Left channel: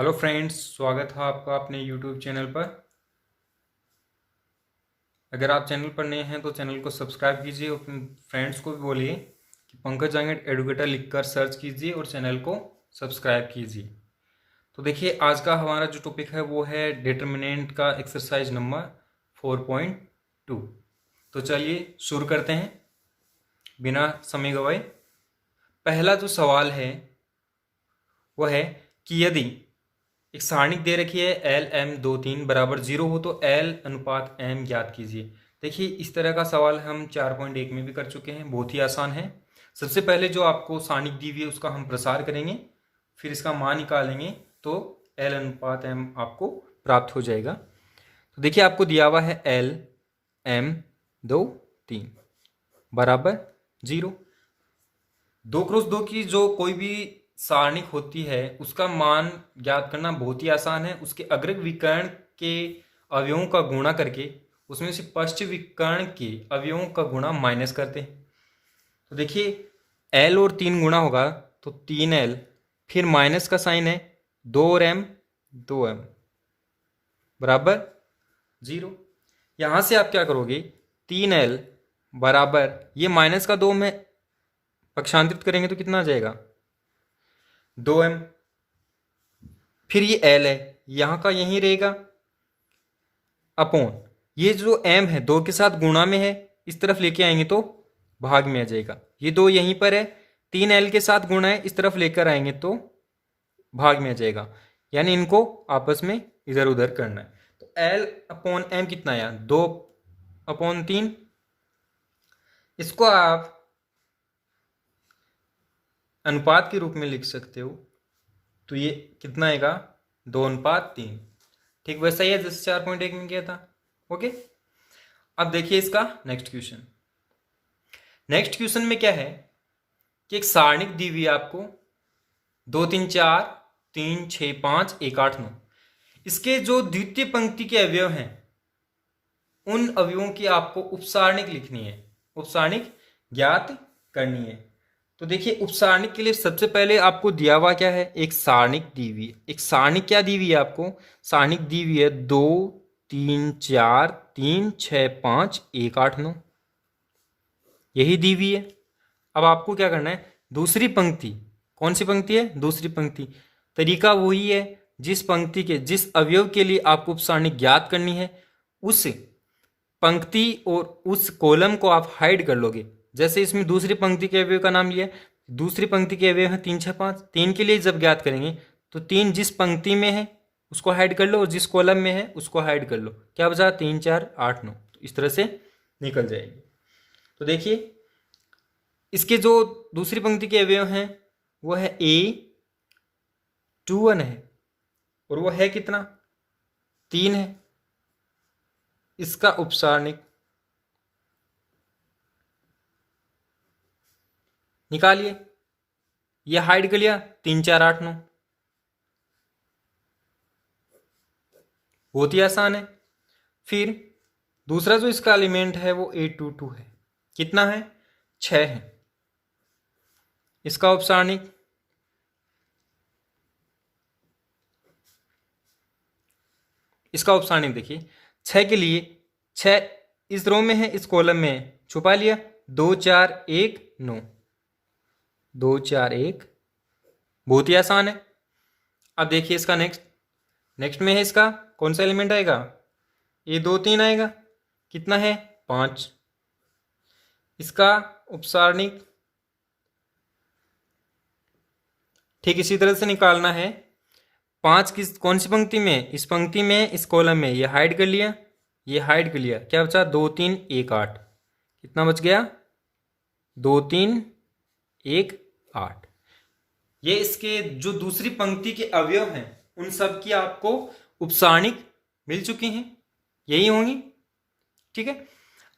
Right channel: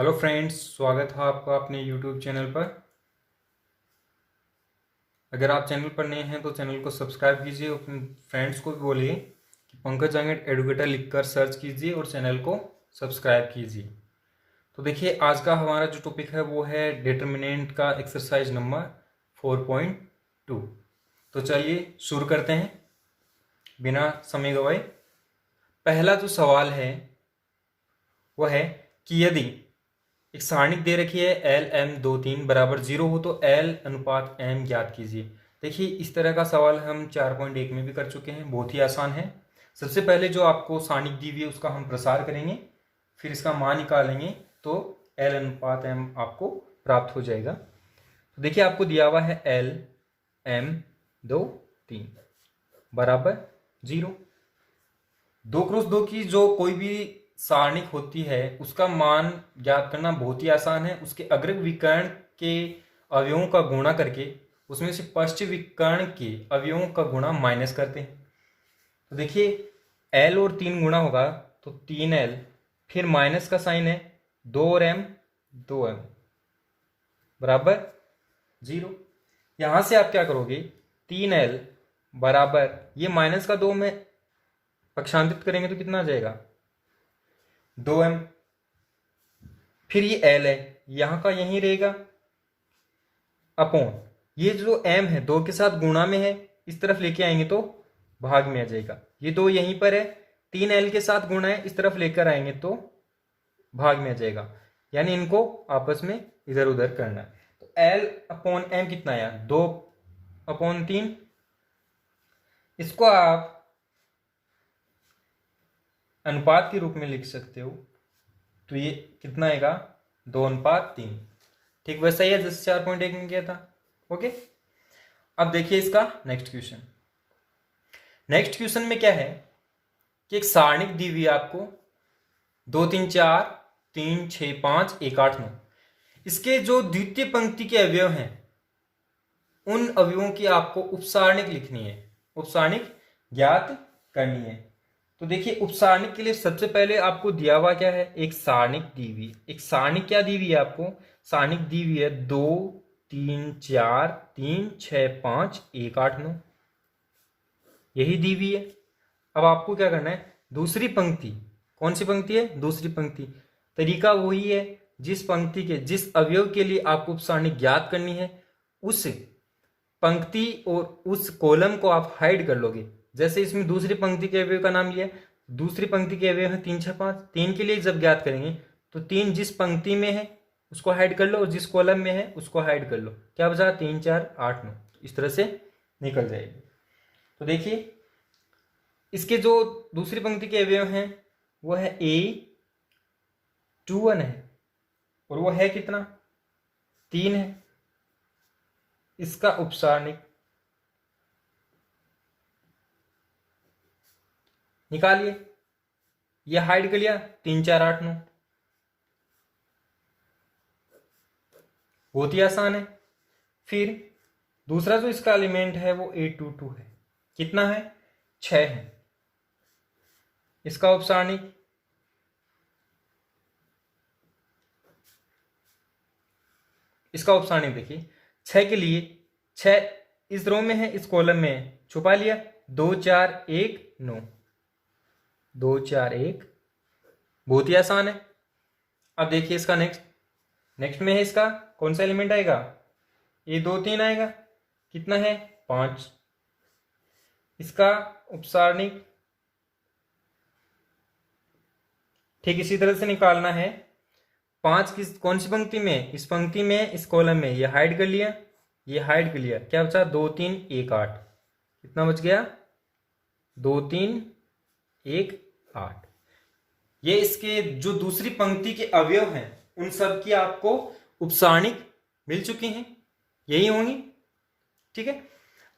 Hello friends, स्वागत है आपका अपने यूट्यूब चैनल पर। अगर आप चैनल पर नए हैं तो चैनल को सब्सक्राइब कीजिए और अपने फ्रेंड्स को भी बोलिए कि पंकज जांगड़ एडुकेटर लिखकर सर्च कीजिए और चैनल को सब्सक्राइब कीजिए। तो देखिए, आज का हमारा जो टॉपिक है वो है डिटर्मिनेंट का एक्सरसाइज नंबर 4.2। तो चलिए शुरू करते हैं बिना समय गवाए। पहला जो सवाल है वह है कि यदि एक सारणिक दे रखी है एल एम 2 3 बराबर 0 हो तो एल अनुपात एम ज्ञात कीजिए। देखिए, इस तरह का सवाल हम 4.1 में भी कर चुके हैं, बहुत ही आसान है। सबसे पहले जो आपको सारणिक दी हुई है उसका हम प्रसार करेंगे, फिर इसका मान निकालेंगे तो एल अनुपात एम आपको प्राप्त हो जाएगा। तो देखिए, आपको दिया हुआ है एल एम 2 3 बराबर 0। 2 × 2 की जो कोई भी सारणिक होती है उसका मान ज्ञात करना बहुत ही आसान है। उसके अग्र विकर्ण के अवयवों का गुणा करके उसमें से पश्च विकर्ण के अवयवों का गुणा माइनस करते हैं। तो देखिए, एल और 3 गुणा होगा तो 3L, फिर माइनस का साइन है 2 और m 2m बराबर 0। यहां से आप क्या करोगे, 3L बराबर ये माइनस का 2 में पक्षांतरित करेंगे तो कितना आ जाएगा 2m। फिर ये L है, यहां का यहीं रहेगा अपॉन ये जो m है 2 के साथ गुणा में है, इस तरफ लेके आएंगे तो भाग में आ जाएगा। ये 2 यहीं पर है, 3L के साथ गुणा है, इस तरफ लेकर आएंगे तो भाग में आ जाएगा। यानी इनको आपस में इधर उधर करना है। तो L अपॉन m कितना आया 2/3। इसको आप अनुपात के रूप में लिख सकते हो, तो ये कितना आएगा 2/3। ठीक वैसा ही है जैसे 4.1 में किया था। ओके, अब देखिए इसका नेक्स्ट क्वेश्चन। नेक्स्ट क्वेश्चन में क्या है कि एक सारणिक दी हुई आपको 2 3 4 3 6 5 1 8 9। इसके जो द्वितीय पंक्ति के अवयव हैं उन अवयवों की आपको उपसारणिक लिखनी है, उपसारणिक ज्ञात करनी है। तो देखिए, उपसारणिक के लिए सबसे पहले आपको दिया हुआ क्या है, एक सारणिक दी हुई है। एक सारणिक क्या दी हुई है आपको, सारणिक दी हुई है 2 3 4 3 6 5 1 8 9, यही दी हुई है। अब आपको क्या करना है, दूसरी पंक्ति, कौन सी पंक्ति है, दूसरी पंक्ति। तरीका वही है, जिस पंक्ति के जिस अवयव के लिए आपको उपसारणिक ज्ञात करनी है उस पंक्ति और उस कॉलम को आप हाइड कर लोगे। जैसे इसमें दूसरी पंक्ति के अवयव का नाम लिया, दूसरी पंक्ति के अवयव है 3 6 5। 3 के लिए जब ज्ञात करेंगे तो 3 जिस पंक्ति में है उसको हाइड कर लो और जिस कॉलम में है उसको हाइड कर लो। क्या बचा 3 4 8 9, तो इस तरह से निकल जाएगी। तो देखिए, इसके जो दूसरी पंक्ति के अवयव हैं वो है A21 है और वो है कितना 3 है। इसका उपसारणिक निकालिए, ये हाइड कर लिया 3 4 8 9, बहुत ही आसान है। फिर दूसरा जो इसका एलिमेंट है वो A22 है, कितना है 6 है। इसका उपसारणिक देखिए, 6 के लिए 6 इस रो में है, इस कॉलम में है, छुपा लिया 2 4 1 9, 2 4 1, बहुत ही आसान है। अब देखिए इसका नेक्स्ट में है, इसका कौन सा एलिमेंट आएगा, A23 आएगा, कितना है 5। इसका उपसारणिक ठीक इसी तरह से निकालना है। 5 किस कौन सी पंक्ति में, इस पंक्ति में, इस कॉलम में, ये हाइड कर लिया, ये हाइड कर लिया, क्या बचा 2 3 1 8, कितना बच गया 2 3 1 8। ये इसके जो दूसरी पंक्ति के अवयव हैं उन सब की आपको उपसारणिक मिल चुकी हैं, यही होंगी। ठीक है,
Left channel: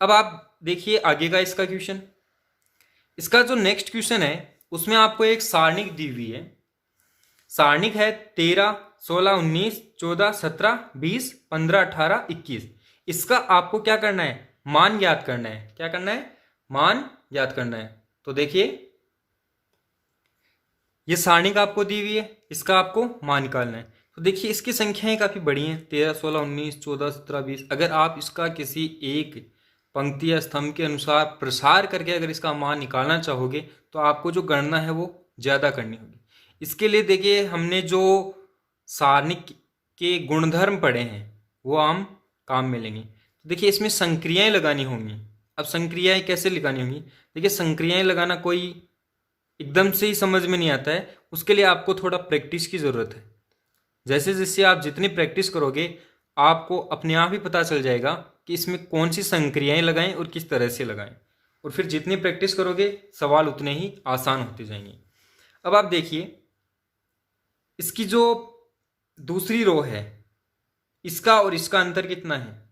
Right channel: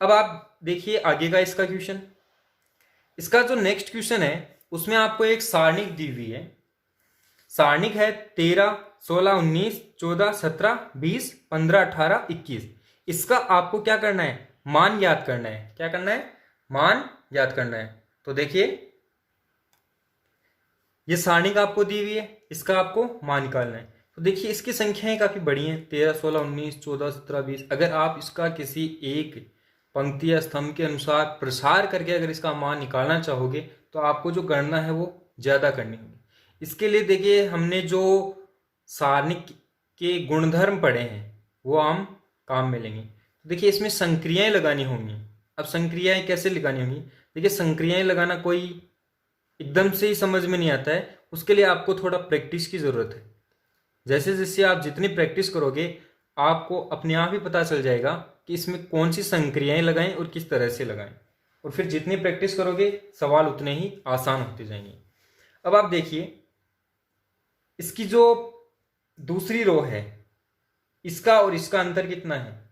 अब आप देखिए आगे का इसका क्वेश्चन। इसका जो नेक्स्ट क्वेश्चन है उसमें आपको एक सारणिक दी हुई है। सारणिक है 13 16 19 14 17 20 15 18 21। इसका आपको क्या करना है, मान ज्ञात करना है। क्या करना है, मान ज्ञात करना है। तो देखिए, ये सारणिक आपको दी हुई है, इसका आपको मान निकालना है। तो देखिए इसकी संख्याएं काफ़ी बड़ी हैं, 13, 16, 19, 14, 17, 20। अगर आप इसका किसी एक पंक्ति या स्तंभ के अनुसार प्रसार करके अगर इसका मान निकालना चाहोगे तो आपको जो गणना है वो ज़्यादा करनी होगी। इसके लिए देखिए हमने जो सारणिक के गुणधर्म पढ़े हैं वो हम काम में लेंगे। तो देखिए इसमें संक्रियाएं लगानी होंगी। अब संक्रियाएं कैसे लगानी होंगी? देखिए संक्रियाएं लगाना कोई एकदम से ही समझ में नहीं आता है, उसके लिए आपको थोड़ा प्रैक्टिस की ज़रूरत है। जैसे जैसे आप जितनी प्रैक्टिस करोगे आपको अपने आप ही पता चल जाएगा कि इसमें कौन सी संक्रियाएं लगाएं और किस तरह से लगाएं, और फिर जितनी प्रैक्टिस करोगे सवाल उतने ही आसान होते जाएंगे। अब आप देखिए इसकी जो दूसरी रो है इसका और इसका अंतर कितना है?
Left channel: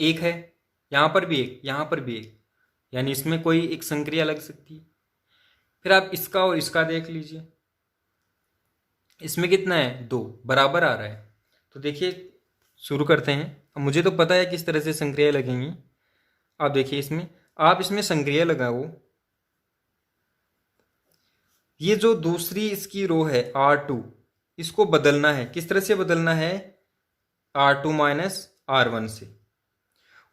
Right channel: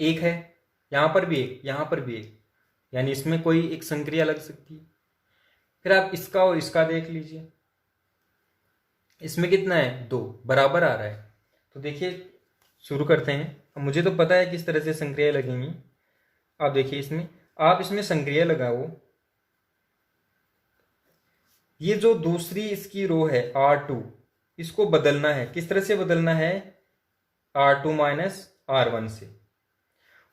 एक है, यहां पर भी एक, यहां पर भी एक, यानी इसमें कोई एक संक्रिया लग सकती है। फिर आप इसका और इसका देख लीजिए, इसमें कितना है? 2 बराबर आ रहा है। तो देखिए शुरू करते हैं। अब मुझे तो पता है किस तरह से संक्रिया लगेंगी। आप देखिए इसमें, आप इसमें संक्रिया लगाओ। ये जो दूसरी इसकी रो है R2, इसको बदलना है। किस तरह से बदलना है? R2 माइनस R1 से।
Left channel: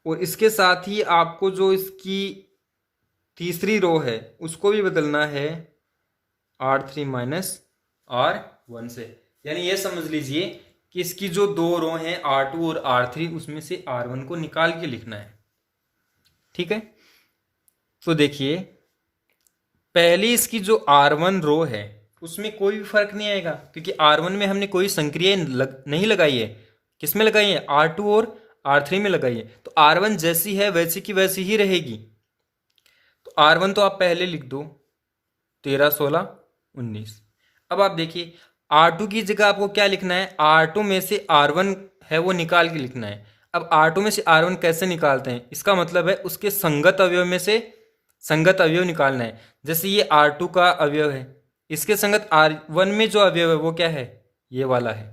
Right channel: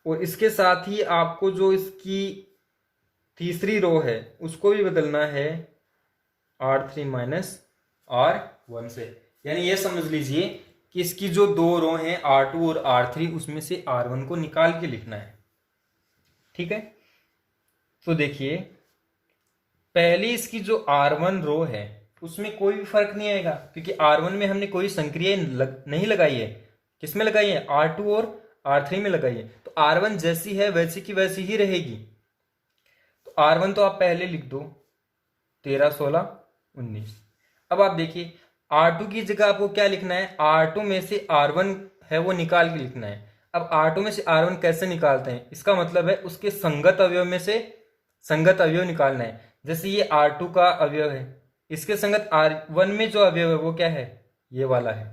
और इसके साथ ही आपको जो इसकी तीसरी रो है उसको भी बदलना है R3 माइनस R1 से। यानी ये समझ लीजिए कि इसकी जो दो रो हैं R2 और R3 उसमें से R1 को निकाल के लिखना है। ठीक है, तो देखिए पहली इसकी जो R1 रो है उसमें कोई भी फर्क नहीं आएगा, क्योंकि R1 में हमने कोई संक्रिया नहीं लगाई है। किसमें लगाई है? R2 और R3 में लगाई है। तो R1 जैसी है वैसी की वैसी ही रहेगी। तो R1 तो आप पहले लिख दो, 13, 16, 19। अब आप देखिए R2 की जगह आपको क्या लिखना है? R2 में से R1 है वो निकाल के लिखना है। अब R2 में से R1 कैसे निकालते हैं? इसका मतलब है उसके संगत अवयव में से संगत अवयव निकालना है। जैसे ये R2 का अवयव है, इसके संगत R1 में जो अवयव है वो क्या है? ये वाला है।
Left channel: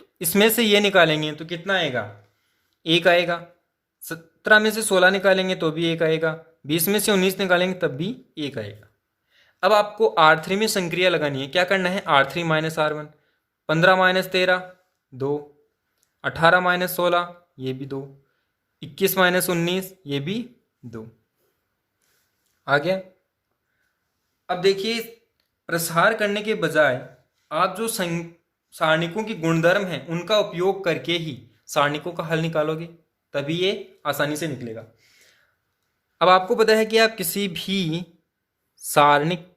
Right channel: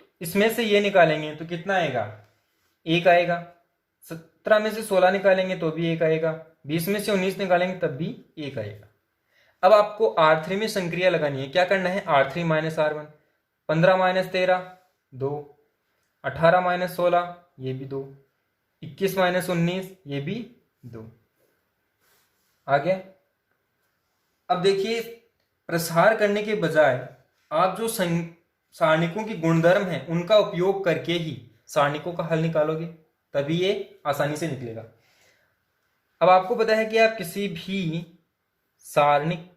तो इसमें से ये निकालेंगे तो कितना आएगा? 1 आएगा। 17 में से 16 निकालेंगे तो भी 1 आएगा। 20 में से 19 निकालेंगे तब भी 1 आएगा। अब आपको R3 में संक्रिया लगानी है। क्या करना है? R3 minus R1, 15 minus 13 2, 18 minus 16 ये भी 2, 21 माइनस 19 ये भी 2 आ गया। अब देखिए प्रसार करने के बजाय आप जो सारणिकों की गुणधर्म हैं उनका उपयोग करके ही सारणिकों का हल निकालोगे, तभी ये आसानी से निकलेगा। अब आपको पता है कि आप किसी भी सारणिक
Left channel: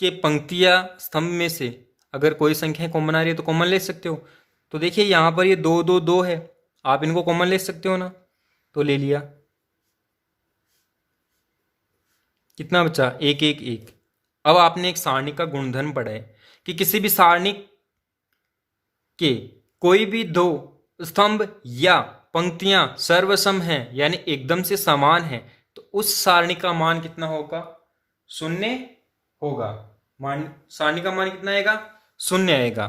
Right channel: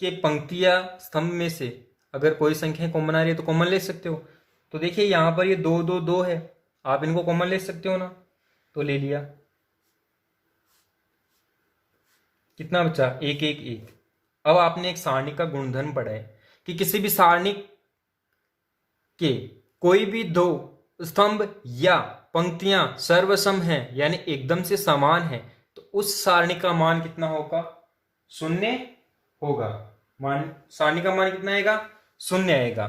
के पंक्ति या स्तंभ में से अगर कोई संख्या कॉमन आ रही है तो कॉमन ले सकते हो। तो देखिए यहाँ पर ये 2, 2, 2 है, आप इनको कॉमन ले सकते हो ना, तो ले लिया। कितना बचा? 1, 1, 1। अब आपने एक सारणी का गुणधर्म पढ़ा है कि किसी भी सारणी के कोई भी दो स्तंभ या पंक्तियां सर्वसम हैं यानी एकदम से समान हैं, तो उस सारणी का मान कितना होगा? 0 होगा। सारणी का मान कितना आएगा? 0 आएगा।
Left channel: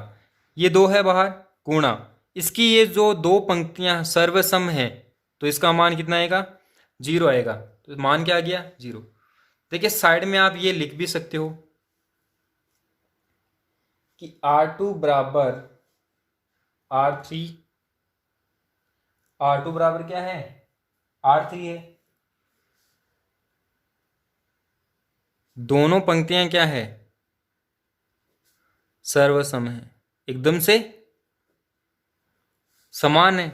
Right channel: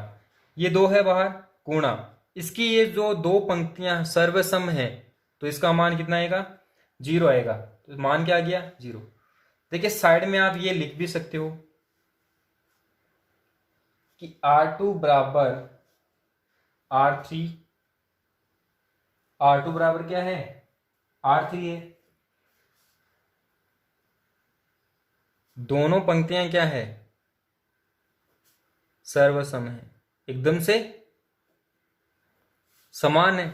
ये 2 है बाहर, गुणा इसकी ये जो दो पंक्तियां सर्वसम है तो इसका मान कितना आएगा? 0 आएगा। तो मान क्या आ गया? 0। देखिए साइड में आप ये लिख भी सकते हो कि R2 बराबर R3, R2 बराबर क्या है? R3 है। दोनों पंक्तियां क्या है? सर्वसम है, एकदम से समान है।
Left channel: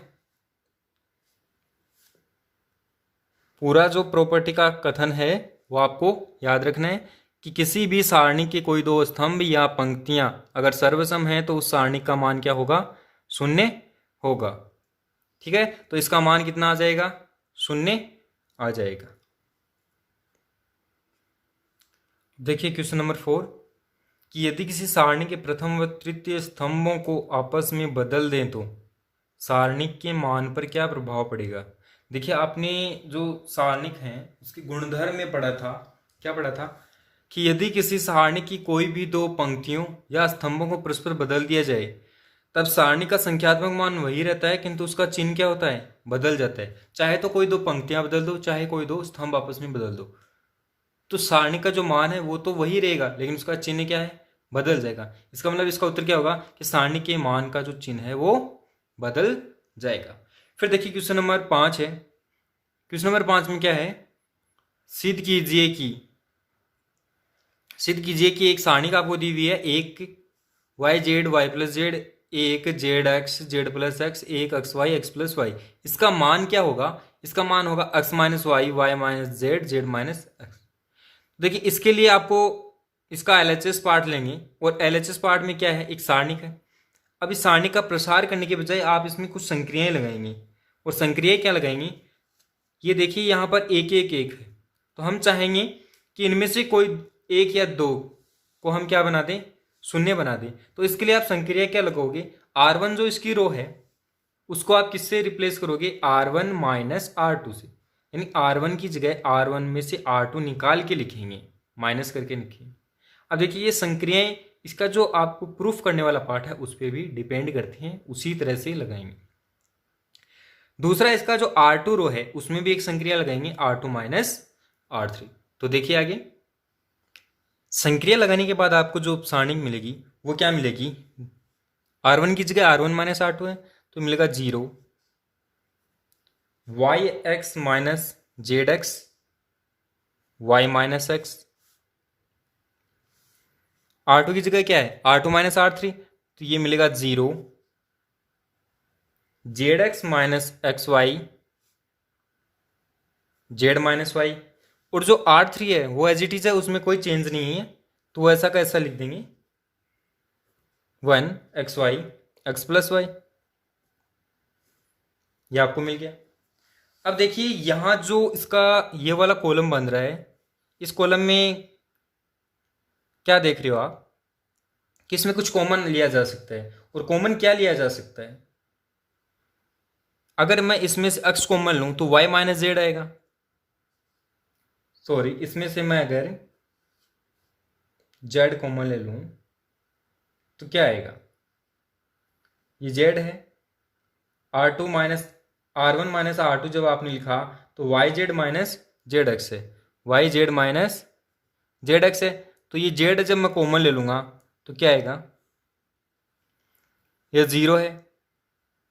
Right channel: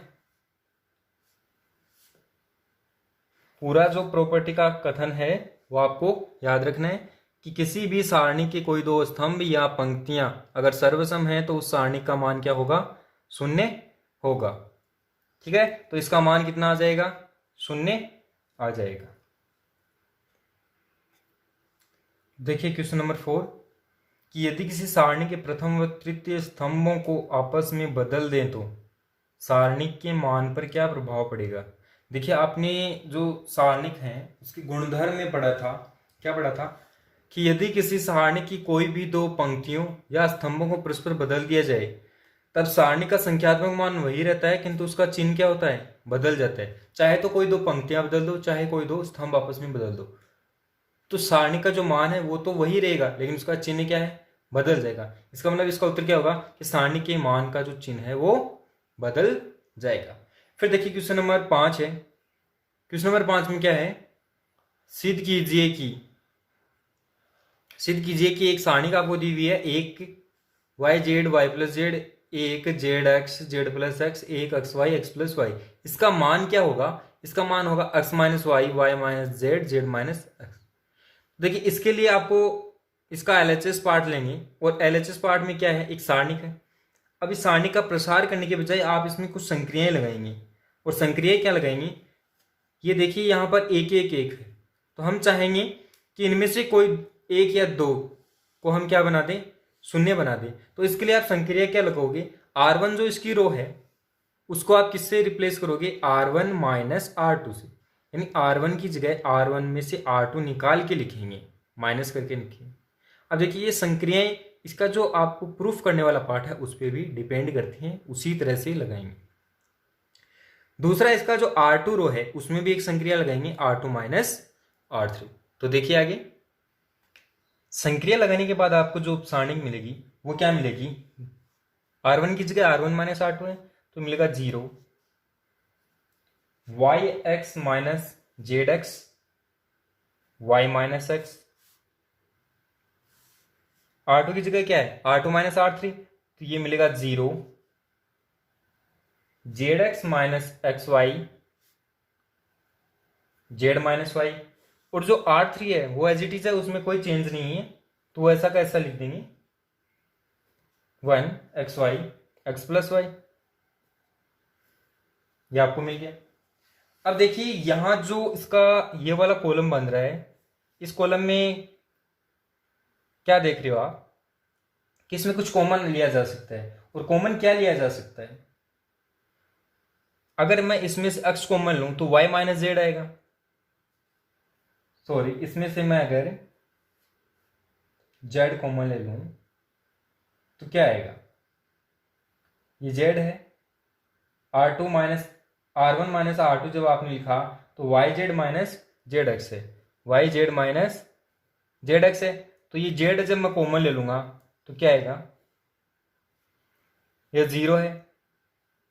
पूरा जो प्रॉपर्टी का कथन है वो आपको याद रखना है कि किसी भी सारणी के कोई दो स्तंभ या पंक्तियां अगर सर्वसम हैं तो उस सारणी का मान क्या होगा? 0 होगा। ठीक है, तो इसका मान कितना आ जाएगा? 0 आ जाएगा। देखिए क्वेश्चन नंबर 4 कि यदि किसी सारणी के प्रथम व तृतीय स्तंभों को आपस में बदल दें तो सारणी के मान पर क्या प्रभाव पड़ेगा? देखिए आपने जो सारणिक हैं उसके गुणधर्म में पढ़ा था, क्या पढ़ा था कि यदि किसी सारणी की कोई भी दो पंक्तियों या स्तंभों को परस्पर बदल दिया जाए तब सारणी का संख्यात्मक मान वही रहता है, किंतु उसका चिन्ह क्या होता है? बदल जाता है। चाहे तो कोई दो पंक्तियां बदल दो, चाहे कोई दो स्तंभ आपस में बदल दो, तो सारणी का जो मान है वो तो वही रहेगा, लेकिन उसका चिन्ह क्या है? बदल जाएगा। इसका मतलब इसका उत्तर क्या होगा कि सारणी के मान का जो चिन्ह है वो बदल जाएगा। फिर देखिए क्वेश्चन नंबर 5 है। क्वेश्चन नंबर 5 में क्या है, सिद्ध कीजिए कि एक सारणी का आपको दी हुई है, एक Y Z Y plus Z, एक Z X Z plus X, एक x Y x plus Y. इसका मान क्या होगा, इसका मान होगा X minus Y Y minus Z Z minus X. देखिए इसके लिए आपको इसका एलएचएस पार्ट लेंगे, और एलएचएस पार्ट में क्या है, एक सारणी का। अब इस सारणी का प्रसार करने के बजाय आप इसमें कुछ संक्रियाएं लगाएंगे, और संक्रियाएं क्या लगाएंगी, ये देखिए यहाँ पर एक एक एक है, तो हम चाहेंगे कि इनमें से कोई एक या दो को हम क्या बना दें, शून्य बना दें। तो इसके लिए आप संक्रिया क्या लगाओगे, R1 जो इसकी रो है उसको आप किससे रिप्लेस करोगे, R1 माइनस R2 से, यानी R1 की जगह R1 में से R2 निकाल के लिखेंगे, माइनस करके लिखेंगे। अब देखिए ये संक्रियाएं, इसका जो आपको प्रूफ करने वाला पार्ट है उस पर भी डिपेंड करते हैं, उसी तरह से लगाएंगे। दूसरा इसका जो R2 रो है उसमें भी एक संक्रिया लगाएंगे, R2 माइनस R3। तो देखिए आगे संक्रिया लगाने के बाद आपको जो सारणी मिलेगी वो क्या मिलेगी, R1 की जगह R1 माइनस R2 है तो मिलेगा 0, y x minus Z x y minus x. R2 की जगह क्या है, R2 माइनस R3, तो ये मिलेगा 0, z x minus x Y Z minus y. और जो R3 है वो एज इट इज है, उसमें कोई चेंज नहीं है, तो वो ऐसा का ऐसा लिख देंगे 1 x Y x plus y. ये आपको मिल गया। अब देखिए यहां जो इसका ये वाला कॉलम बन रहा है, इस कॉलम में क्या देख रहे हो आप कि इसमें कुछ कॉमन लिया जा सकता है, और कॉमन क्या लिया जा सकता है, अगर मैं इसमें से x कॉमन लूं तो y माइनस जेड आएगा। सॉरी, इसमें से मैं अगर z कॉमन ले लूं तो क्या आएगा, ये z है, R2 minus R1 minus R2 जब आपने लिखा तो Y Z minus Z X है, Y Z minus Z X है। तो ये जेड जब मैं कॉमन ले लूंगा तो क्या आएगा, ये 0 है।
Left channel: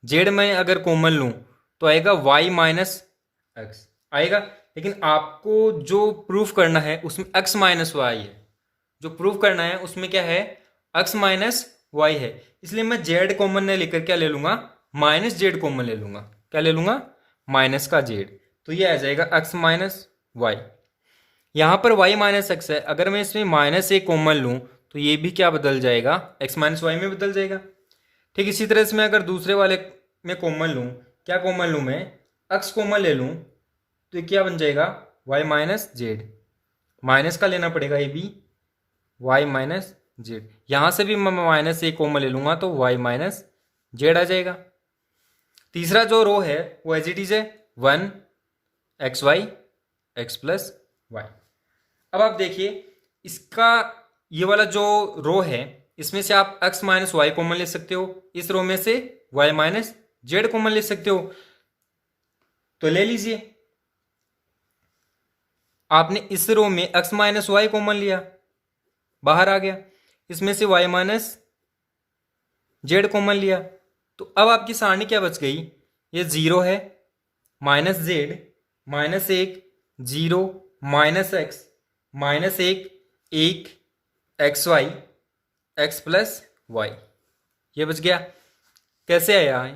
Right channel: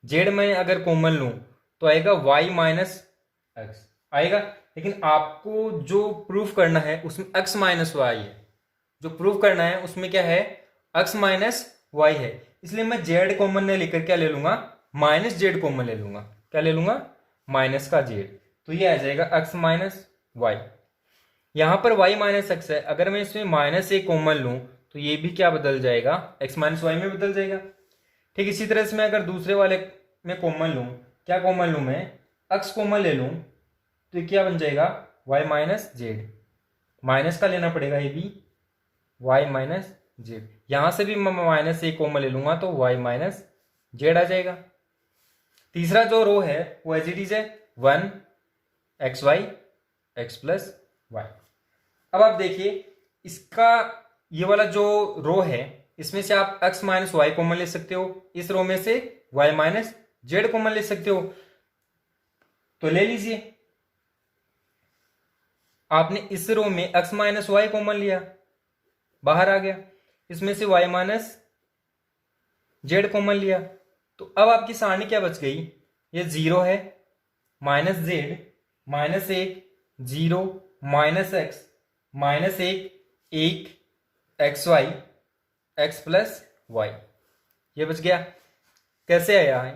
जेड में अगर कॉमन लूं तो आएगा वाई माइनस एक्स आएगा, लेकिन आपको जो प्रूफ करना है उसमें एक्स माइनस वाई है, जो प्रूफ करना है उसमें क्या है, एक्स माइनस वाई है। इसलिए मैं जेड कॉमन ने लेकर क्या ले लूंगा, माइनस जेड कॉमन ले लूंगा, क्या ले लूंगा, माइनस का जेड। तो ये आ जाएगा एक्स माइनस वाई। यहां पर वाई माइनस एक्स है, अगर मैं इसमें माइनस ए कॉमन लूं तो ये भी क्या बदल जाएगा, एक्स माइनस वाई में बदल जाएगा। ठीक इसी तरह से मैं अगर दूसरे वाले में कॉमन लूं, क्या कॉमन लूं मैं, एक्स कॉमन ले लूं तो ये क्या बन जाएगा, वाई माइनस जेड, माइनस का लेना पड़ेगा ये भी, वाई माइनस जेड। यहां से भी मैं माइनस ए कॉमन ले लूंगा तो वाई माइनस जेड आ जाएगा। तीसरा जो रो है वो एज इट इज है 1 x Y x plus y. अब आप देखिए इसका ये वाला जो रो है इसमें से आप x माइनस वाई कॉमन ले सकते हो, इस रो में से y माइनस जेड कॉमन ले सकते हो, तो ले लीजिए। आपने इस रो में x माइनस वाई कॉमन लिया, बाहर आ गया, इसमें से y माइनस जेड कॉमन लिया, तो अब आपकी सारणी क्या बच गई, ये 0 है, minus z minus 1 0 minus x minus 1 1 x Y x plus y, ये बच गया। कैसे आया है,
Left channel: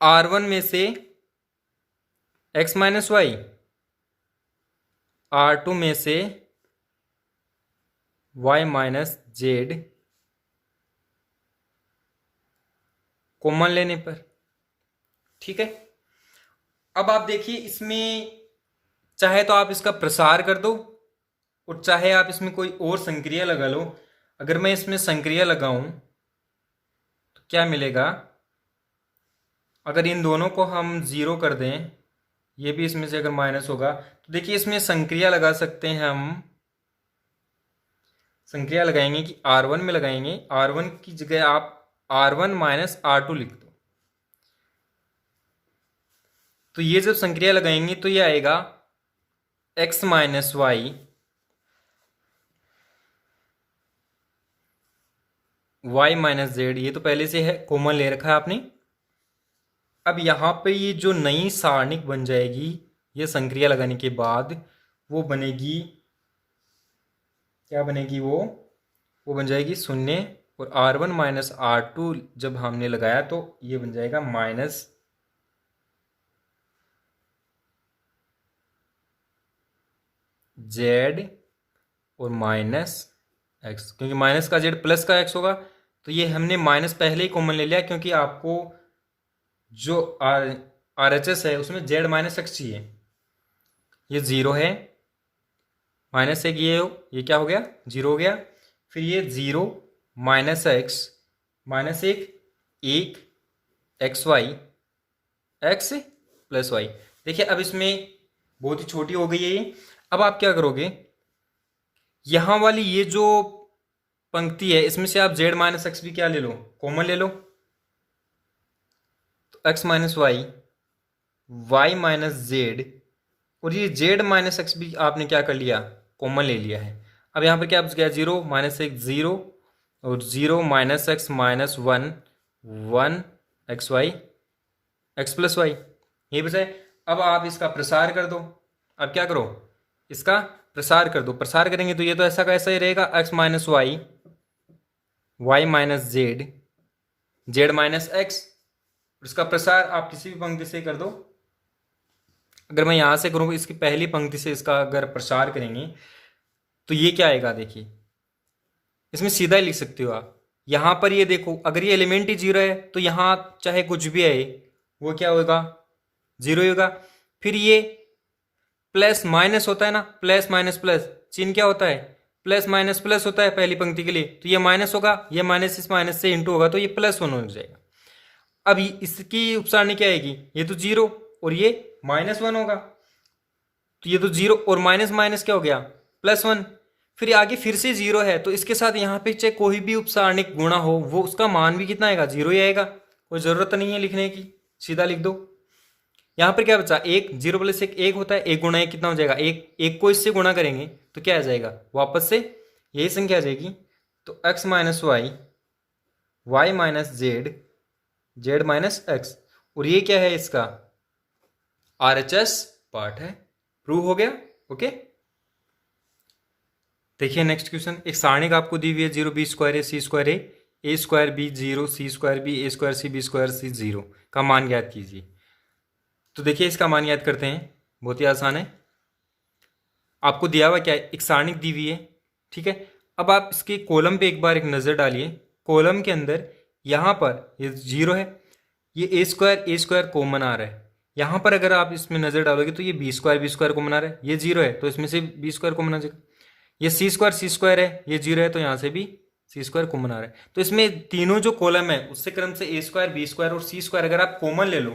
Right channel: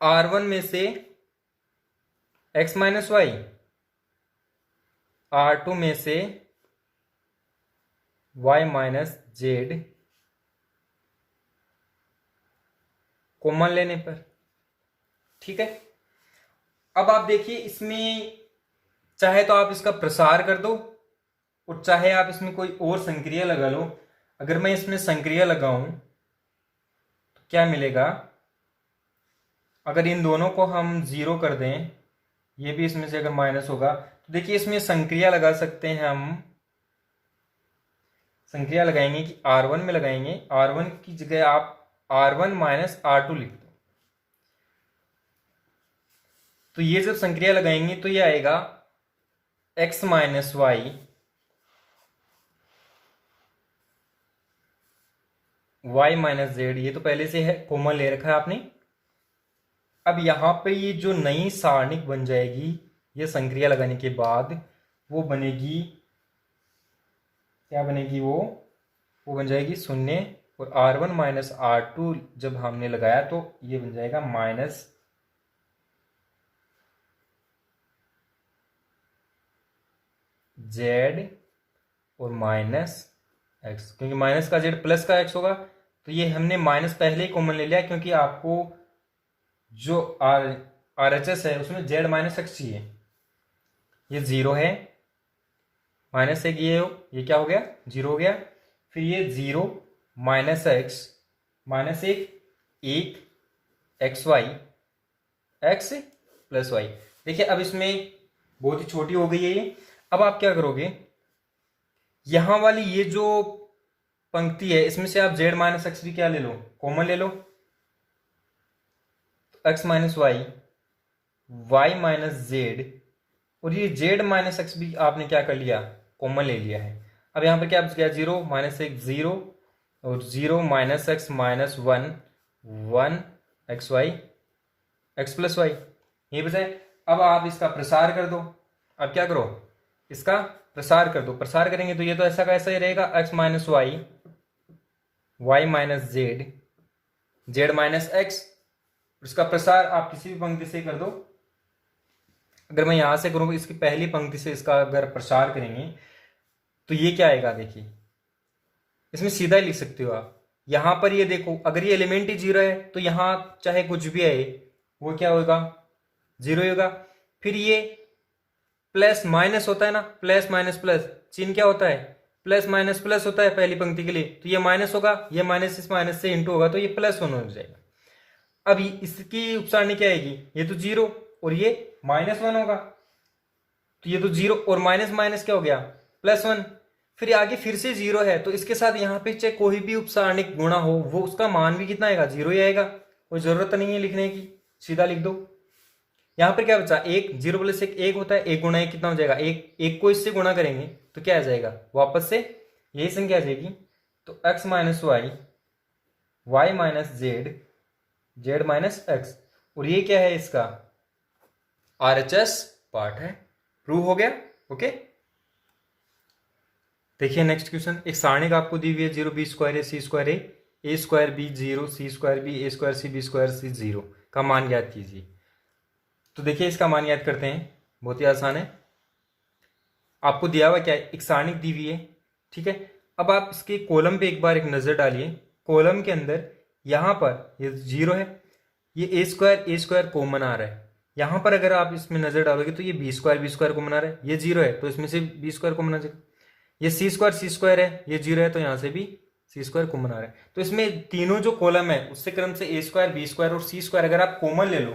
R1 में से x माइनस वाई, R2 में से y माइनस जेड कॉमन लेने पर। ठीक है, अब आप देखिए इसमें चाहे तो आप इसका प्रसार कर दो और चाहे आप इसमें कोई और संक्रिया लगा लो। अगर मैं इसमें संक्रिया लगाऊं तो क्या मिलेगा, अगर इन दोनों को हम 0 कर दें, ये भी इसमें से अगर माइनस होगा तो देखिए इसमें संक्रिया लगा सकते हैं हम, संक्रिया लगाएंगे कि R1 में लगाएंगे, R1 की जगह आप R1 माइनस R2 लिख दो, तो ये जब संक्रिया लगाएंगे तो ये आएगा x minus Y Y minus z, ये तो पहले से है, कॉमन ले रखा है आपने। अब यहाँ पे ये जो नई सारणिक बन जाएगी ये संक्रिया लगाने के बाद, वो बनेगी, क्या बनेगी वो बन जाएगी शून्य, और R1 माइनस R2 जब हमने लगाया तो ये बन जाएगा माइनस जेड और माइनस एक्स, क्योंकि माइनस का जेड प्लस का एक्स होगा, तो ये हमने माइनस पहले ही कॉमन ले लिया, क्योंकि आपको जो आर एच एस है उसमें जेड माइनस एक्स चाहिए। ये जीरो है, माइनस एक ये क्या हो गया, जीरो हो गया। फिर ये जीरो माइनस एक्स माइनस एक x Y x plus y. देखिए अब इसमें बहुत ही छोटी हो गई है ये। अब आप क्या करोगे, यहां वाली ये जो पंक्ति है इसमें से आप जेड माइनस एक्स भी क्या ले लो, कॉमन ले लो। तो x minus Y, Y minus z, और ये जेड माइनस एक्स भी आपने क्या कर लिया, कॉमन ले लिया है। अब यहाँ पर क्या बच गया, जीरो माइनस एक जीरो, और zero minus x minus one, one x Y x plus y, ये बचा है। अब आप इसका प्रसार कर दो। अब क्या करो, इसका प्रसार कर दो। प्रसार करेंगे तो ये तो ऐसा का ऐसा ही रहेगा, X minus Y, Y minus Z, Z minus X. इसका प्रसार आप किसी भी पंक्ति से कर दो। अगर मैं यहां से करूँ, इसकी पहली पंक्ति से इसका अगर प्रसार करेंगे तो ये क्या आएगा, देखिए इसमें सीधा ही लिख सकते हो आप। यहां पर ये देखो, अगर ये एलिमेंट ही जीरो है तो यहां चाहे कुछ भी आए वो क्या होगा, जीरो ही होगा। फिर ये प्लस माइनस होता है ना, प्लस माइनस प्लस, चिन्ह क्या होता है, प्लस माइनस प्लस होता है पहली पंक्ति के लिए, तो ये माइनस होगा, ये माइनस इस माइनस से इंटू होगा, तो ये प्लस वन हो जाएगा। अब इसकी उपसारणी क्या आएगी, ये तो जीरो और ये माइनस वन होगा, तो ये तो जीरो और माइनस माइनस क्या हो गया, प्लस वन। फिर आगे फिर से जीरो है, तो इसके साथ यहाँ पे चाहे कोई भी उपसारणिक गुणा हो वो उसका मान भी कितना आएगा, जीरो ही आएगा। कोई जरूरत नहीं है लिखने की, सीधा लिख दो। यहाँ पर क्या बचा, एक, जीरो प्लस एक होता है, एक गुणा एक कितना हो जाएगा, एक को इससे गुणा करेंगे तो क्या आ जाएगा, वापस से यही संख्या आ जाएगी। तो x minus Y, Y minus Z, Z minus X, और ये क्या है, इसका RHS पार्ट है। प्रूव हो गया, ओके। देखिए नेक्स्ट क्वेश्चन, एक सारणिक आपको दी हुई है, zero B square A C square A square B zero C square B A square C B square C zero का मान ज्ञात कीजिए। तो देखिए इसका मान याद करते हैं, बहुत ही आसान है। आपको दिया हुआ क्या है, एक सारणिक दी हुई है, ठीक है। अब आप इसके कॉलम पे एक बार एक नज़र डालिए। कॉलम के अंदर यहाँ पर ये जीरो है, ये ए स्क्वायर कॉमन आ रहा है। यहाँ पर अगर आप इसमें नज़र डालोगे तो ये बी स्क्वायर कॉमन आ रहा है, ये जीरो है तो इसमें से बी स्क्वायर कॉमन आ जाएगा। ये सी स्क्वायर है, ये जीरो है तो यहाँ से भी सी स्क्वायर कॉमन आ रहा है। तो इसमें तीनों जो कॉलम है उससे क्रम से ए स्क्वायर बी स्क्वायर और सी स्क्वायर अगर आप कॉमन ले लो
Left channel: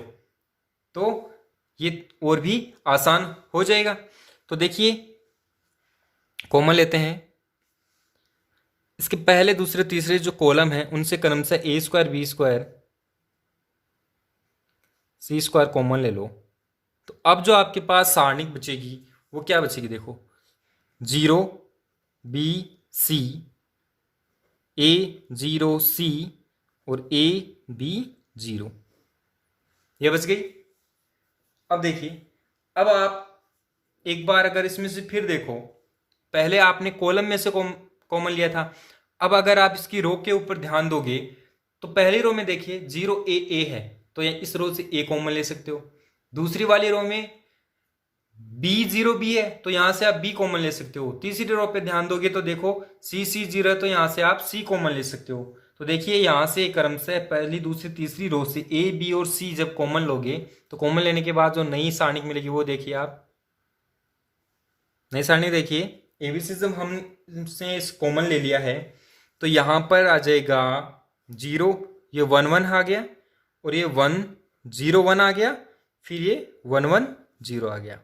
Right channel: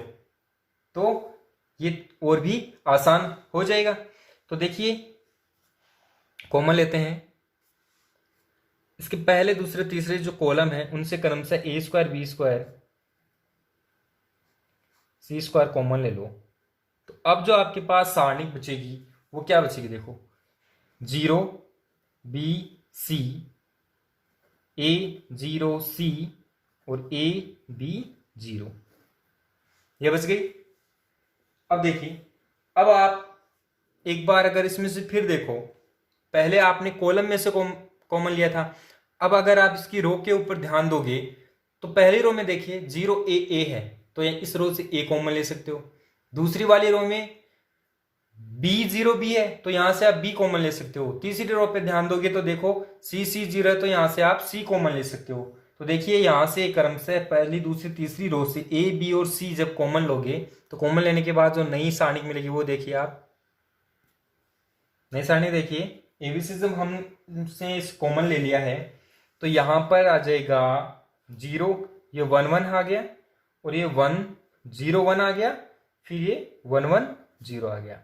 तो ये और भी आसान हो जाएगा। तो देखिए कॉमन लेते हैं, इसके पहले दूसरे तीसरे जो कॉलम है उनसे क्रम से ए square B square C square common ले लो। तो अब जो आपके पास सारणिक बचेगी वो क्या बचेगी, देखो जीरो बी सी, ए जीरो सी और ए बी जीरो, ये बच गई। अब देखिए, अब आप एक बार अगर इसमें से फिर देखो, पहले आपने कॉलम में से कॉमन लिया था। अब अगर आप इसकी रो के ऊपर ध्यान दोगे तो पहली रो में देखिए जीरो ए है, तो इस रो से ए कॉमन ले सकते हो। दूसरी वाली रो में बी जीरो बी है तो यहां से आप बी कॉमन ले सकते हो। तीसरी रो पे ध्यान दोगे तो देखो सी जीरो है तो यहां से आप सी कॉमन ले सकते हो। तो देखिए यहां से क्रम से पहली दूसरी तीसरी रो से ए बी और सी जब कॉमन लोगे तो कॉमन लेने के बाद जो नई सारणिक मिलेगी वो देखिए आप, नई सारणी देखिए, एबीसी जब हमसे इस कॉमन ले लिया है तो यहां पर आ जाएगा जीरो, ये वन वन आ गया और ये वन जीरो वन आ गया, फिर ये वन वन जीरो आ गया।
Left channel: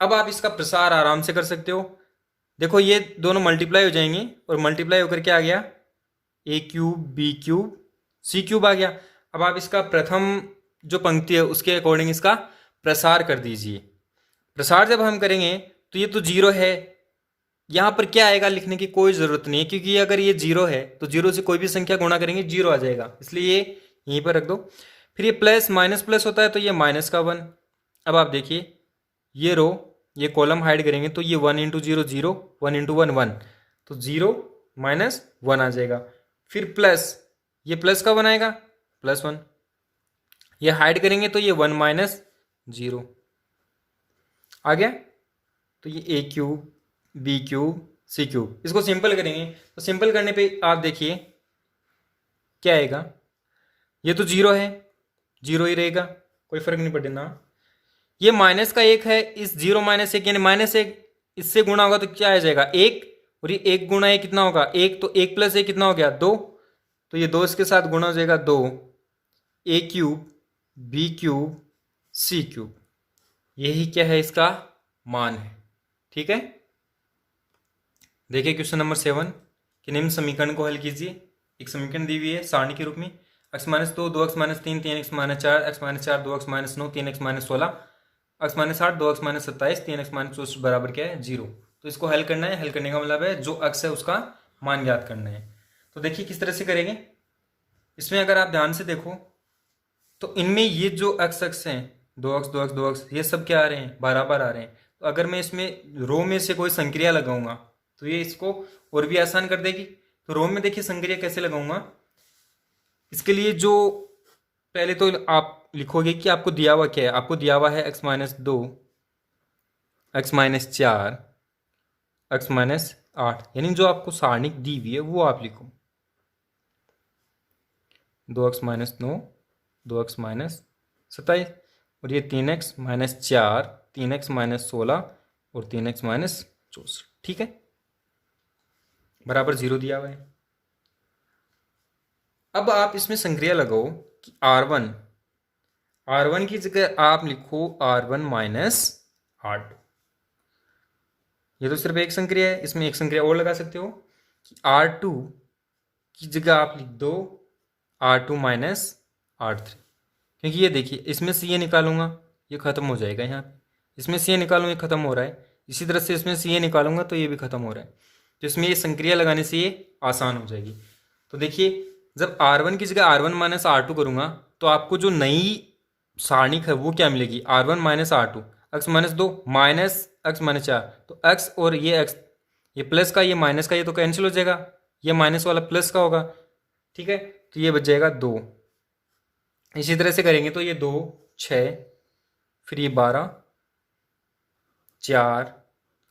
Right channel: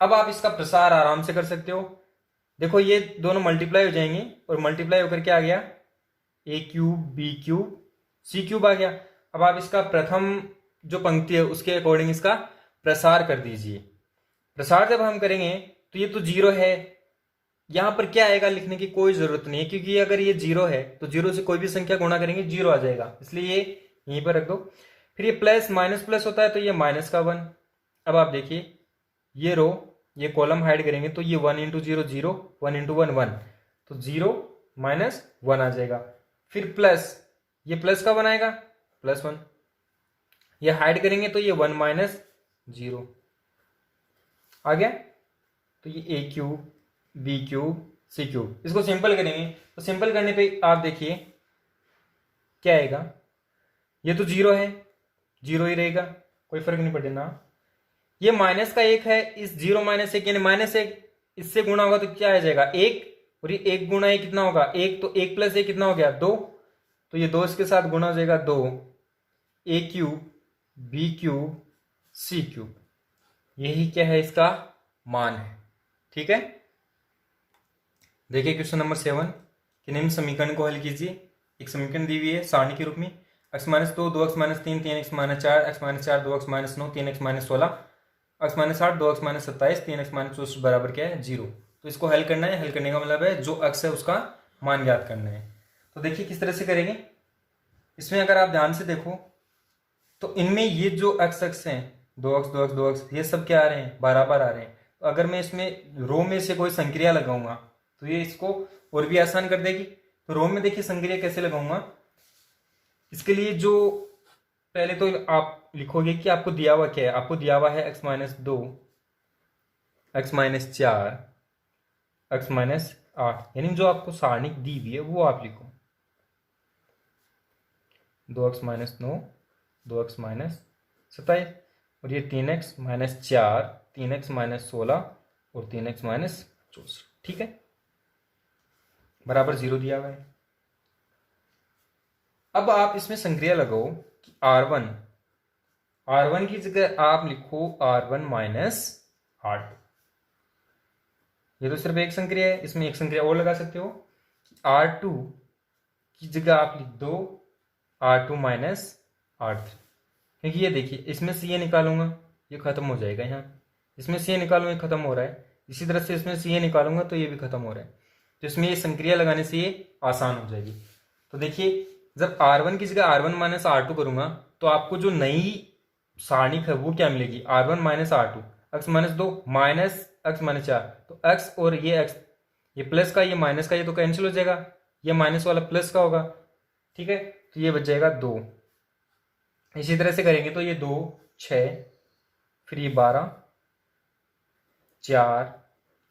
अब आप इसका प्रसार आराम से कर सकते हो। देखो ये दोनों मल्टीप्लाई हो जाएंगे और मल्टीप्लाई होकर क्या आ गया, ए cube B cube C cube आ गया। अब आप इसका प्रथम जो पंक्ति है उसके अकॉर्डिंग इसका प्रसार कर दीजिए। प्रसार जब हम करेंगे तो ये तो जीरो है, यहाँ पर क्या आएगा लिखने की कोई ज़रूरत नहीं है, क्योंकि अगर ये जीरो है तो जीरो से कोई भी संख्या गुणा करेंगे जीरो आ जाएगा, इसलिए ये यहीं पर रख दो। फिर ये प्लस माइनस प्लस होता है तो ये माइनस का वन। अब आप देखिए ये रो ये कॉलम हाइड करेंगे तो ये one into zero zero, one into one one, तो जीरो माइनस वन आ जाएगा। फिर प्लस ये प्लस का वन आएगा प्लस वन, ये हाइड करेंगे तो ये वन माइनस जीरो आ गया। तो ये ए cube B cube C cube, इसको सिंपल करेंगे तो सिंपल करने पे आप देखिए क्या आएगा, ये तो जीरो है जीरो ही रहेगा, कोई फर्क नहीं पड़ेगा। ये माइनस का एक है, इस जीरो माइनस एक यानी माइनस एक, इससे गुणा होगा तो क्या आ जाएगा एक, और ये एक गुणा एक कितना होगा एक, तो एक प्लस एक कितना हो गया दो, तो ये दो इसके साथ गुणा हो जाएगा दो, ए cube B cube C cube, यही क्या है इसका मान है। ठीक है, देखिए क्वेश्चन नंबर 7 कि निम्न समीकरण को हल कीजिए। एक समीकरण दी हुई है सारणी के रूप में, x माइनस दो, दो एक्स माइनस तीन, तीन एक्स माइनस चार, एक्स माइनस चार, दो एक्स माइनस नौ, तीन एक्स माइनस 16, एक्स माइनस आठ, दो एक्स माइनस 27, तीन एक्स माइनस 64 बराबर क्या है जीरो। तो इसको हल करना है, हल करने का मतलब है जो x है उसका मान ज्ञात करना है। तो देखिए किस तरह से करेंगे, इसमें अगर आप ध्यान से देखो तो इनमें ये जो x एक्स हैं दो एक्स दो एक्स दो एक्स, ये सब क्या आ रहे हैं बराबर आ रहे हैं। तो अगर मैं इसमें रो में से कोई संक्रिया लगाऊंगा तो ये इसको और भी आसान कर देगी। तो रो में देखिए संक्रिया कैसे लगाऊंगा, इसके लिए जो पहले तो आप लिखोगे कि आपको दिया हुआ क्या है, आपको दिया हुआ है एक्स माइनस दो, एक्स माइनस चार, एक्स माइनस आठ, यानी जो आपको सारणी दी हुई है वो आप लिखो, दो एक्स माइनस नौ, दो एक्स माइनस 27, और ये तीन एक्स माइनस चार, तीन एक्स माइनस 16 और तीन एक्स माइनस 64। ठीक है, बराबर जीरो दिया हुआ है। अब आप इसमें संक्रिया लगाओ कि R1, R1 की जगह आप लिखो R1 माइनस R2। ये तो सिर्फ एक संक्रिया है, इसमें एक संक्रिया और लगा सकते हो कि R2 की जगह आप लिख दो R2 माइनस R3, क्योंकि ये देखिए इसमें से ये निकालूंगा ये खत्म हो जाएगा, यहाँ इसमें से ये निकालूंगा ये खत्म हो रहा है, इसी तरह से इसमें से ये निकालूंगा तो ये भी खत्म हो रहा है, तो इसमें ये संक्रिया लगाने से ये आसान हो जाएगी। तो देखिए जब R1 की जगह R1 माइनस R2 करूंगा तो आपको जो नई सारणी है वो क्या मिलेगी, R1 minus R2, x minus दो माइनस एक्स माइनस चार, तो एक्स और ये एक्स, ये प्लस का ये माइनस का ये तो कैंसिल हो जाएगा, ये माइनस वाला प्लस का होगा। ठीक है, तो ये बच जाएगा दो। इसी तरह से करेंगे तो ये दो छः, फिर ये 12, 4,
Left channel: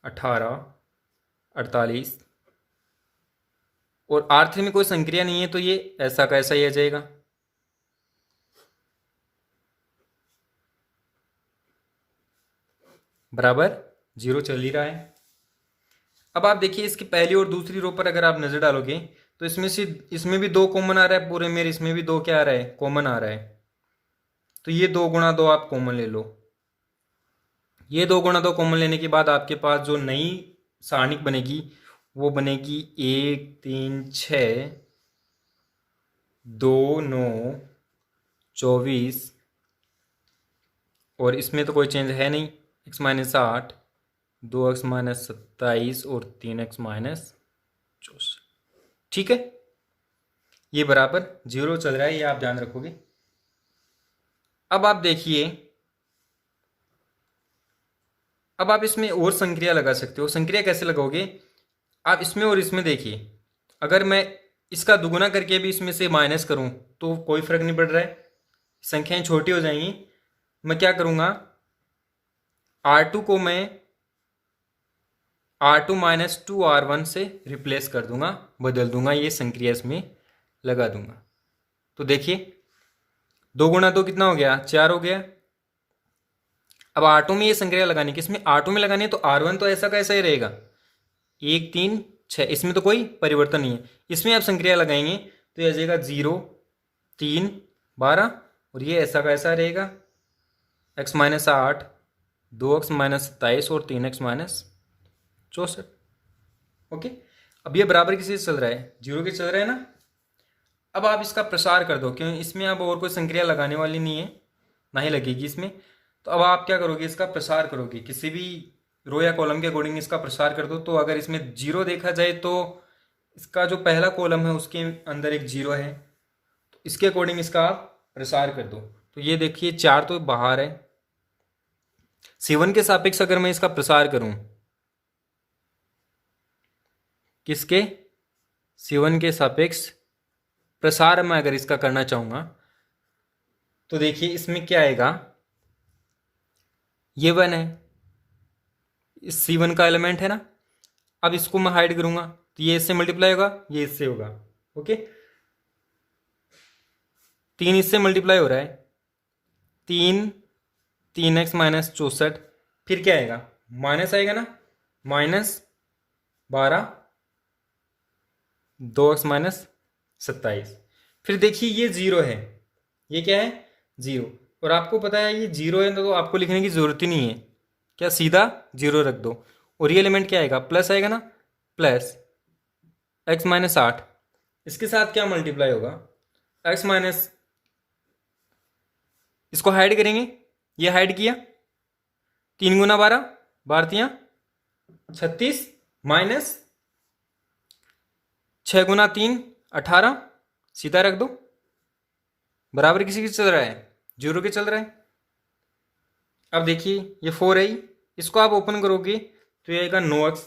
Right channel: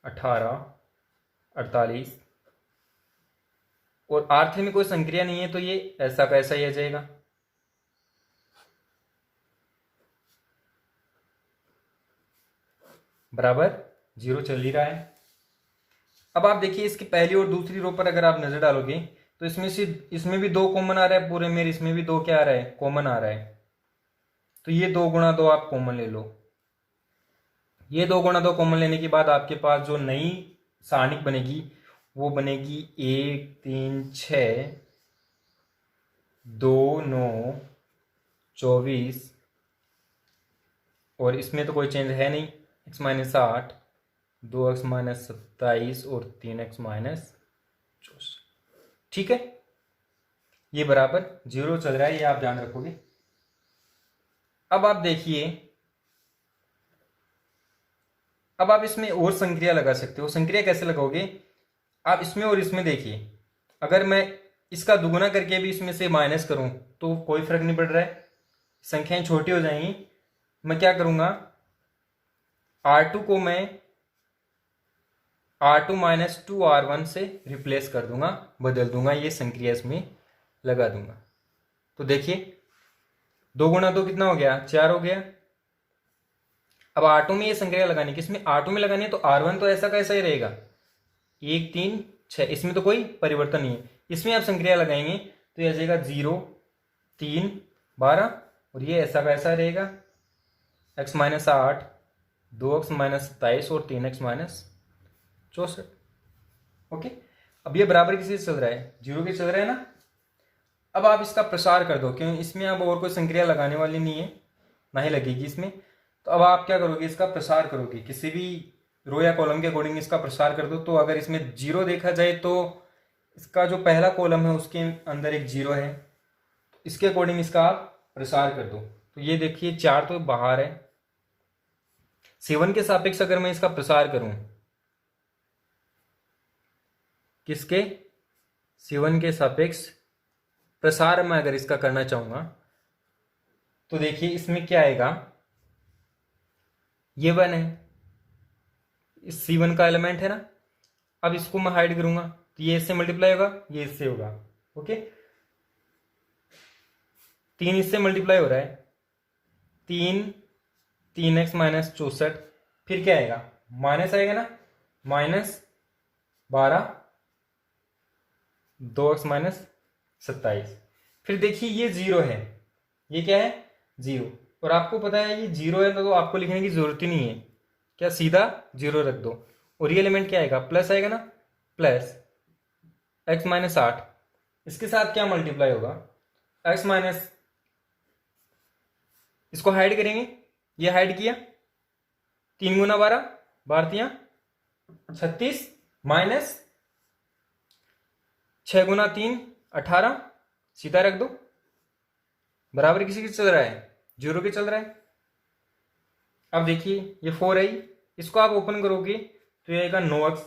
18, 48, और R3 में कोई संक्रिया नहीं है तो ये ऐसा का ऐसा ही आ जाएगा। बराबर जीरो चल ही रहा है। अब आप देखिए इसकी पहली और दूसरी रो पर अगर आप नजर डालोगे तो इसमें से इसमें भी दो कॉमन आ रहा है पूरे मेरे, इसमें भी दो क्या आ रहा है कॉमन आ रहा है, तो ये दो गुणा दो आप कॉमन ले लो। ये दो गुणा दो कॉमन लेने के बाद आपके पास जो नई सारणी बनेगी वो बनेगी एक तीन छः, दो नौ 24, और इसमें तो कोई चेंज है नहीं, एक्स माइनस आठ, दो एक्स माइनस 27 और तीन एक्स माइनस 64। ठीक है, ये बराबर जीरो चल रहा है, ये आप ध्यान रखोगे। अब आप देखिए, अब आप इसमें और संक्रिया लगा सकते हो। संक्रिया कैसे लगाओगे, आप इसमें और इसमें देखिए, अगर मैं इसका दुगुना करके भी इसमें से माइनस करूं तो कोई फर्क नहीं पड़ रहा है, संख्याएं छोटी हो जाएंगी। मैं क्या करूंगा, R2 को मैं R2 माइनस 2R1 से रिप्लेस कर दूंगा, बदल दूंगा, ये संक्रिया इसमें लगा दूंगा। तो देखिए दो गुणा दो कितना हो गया, 4 हो गया। अब R2 में ये संक्रिया लगानी, किसमें R2 में लगानी है, तो R1 तो ऐसा का ऐसा ही रहेगा, एक तीन छः, इसमें तो कोई परिवर्तन नहीं है। इसमें आप संक्रिया लगाएंगे तो ये आ जाएगा 0 3 12, और ये ऐसा का ऐसा रहेगा, एक्स माइनस 8, दो एक्स माइनस 27 और तीन एक्स माइनस 64। ओके, अब ये बराबर किसी से चल रहा है, जीरो के चल रहा है ना। अब आप इसका प्रसार कर दो, क्योंकि इसमें अब और कोई संक्रिया लगाने वाली नहीं है, ना ही लगेगी इसमें। तो अब आप क्या करोगे, इसका प्रसार करोगे, किसी भी रो या कॉलम के अकॉर्डिंग इसका प्रसार कर दो। तो अगर इसमें 0 देखा जाए तो इसका जो पहला कॉलम है उसके अंदर एक 0 है, तो इसके अकॉर्डिंग इसका आप प्रसार कर दो। तो ये देखिए 4 तो बाहर है। C1 के सापेक्ष अगर मैं इसका प्रसार करूं, किसके, C1 के सापेक्ष प्रसार मैं अगर इसका करना चाहूंगा तो देखिए इसमें क्या आएगा, ये 1 है, इस C1 का एलिमेंट है ना। अब इसको मैं हाइड करूंगा तो ये इससे मल्टीप्लाई होगा, ये इससे होगा। ओके, 3 इससे मल्टीप्लाई हो रहा है, 3x माइनस 64, फिर क्या आएगा, माइनस आएगा ना, -12, 2x माइनस 27। फिर देखिए ये 0 है, ये क्या है, 0। और आपको पता है ये 0 है तो आपको लिखने की जरूरत ही नहीं है, क्या सीधा 0 रख दो। और ये एलिमेंट क्या आएगा, प्लस आएगा ना, प्लस x माइनस 8, इसके साथ क्या मल्टीप्लाई होगा, x माइनस, इसको हाइड करेंगे, ये हाइड किया, 3 गुना 12, 12 36, माइनस 6 गुना 3 18, सीधा रख दो, बराबर किसी के चल रहा है, 0 के चल रहा है। अब देखिए ये 4 है, इसको आप ओपन करोगे तो ये आएगा 9x,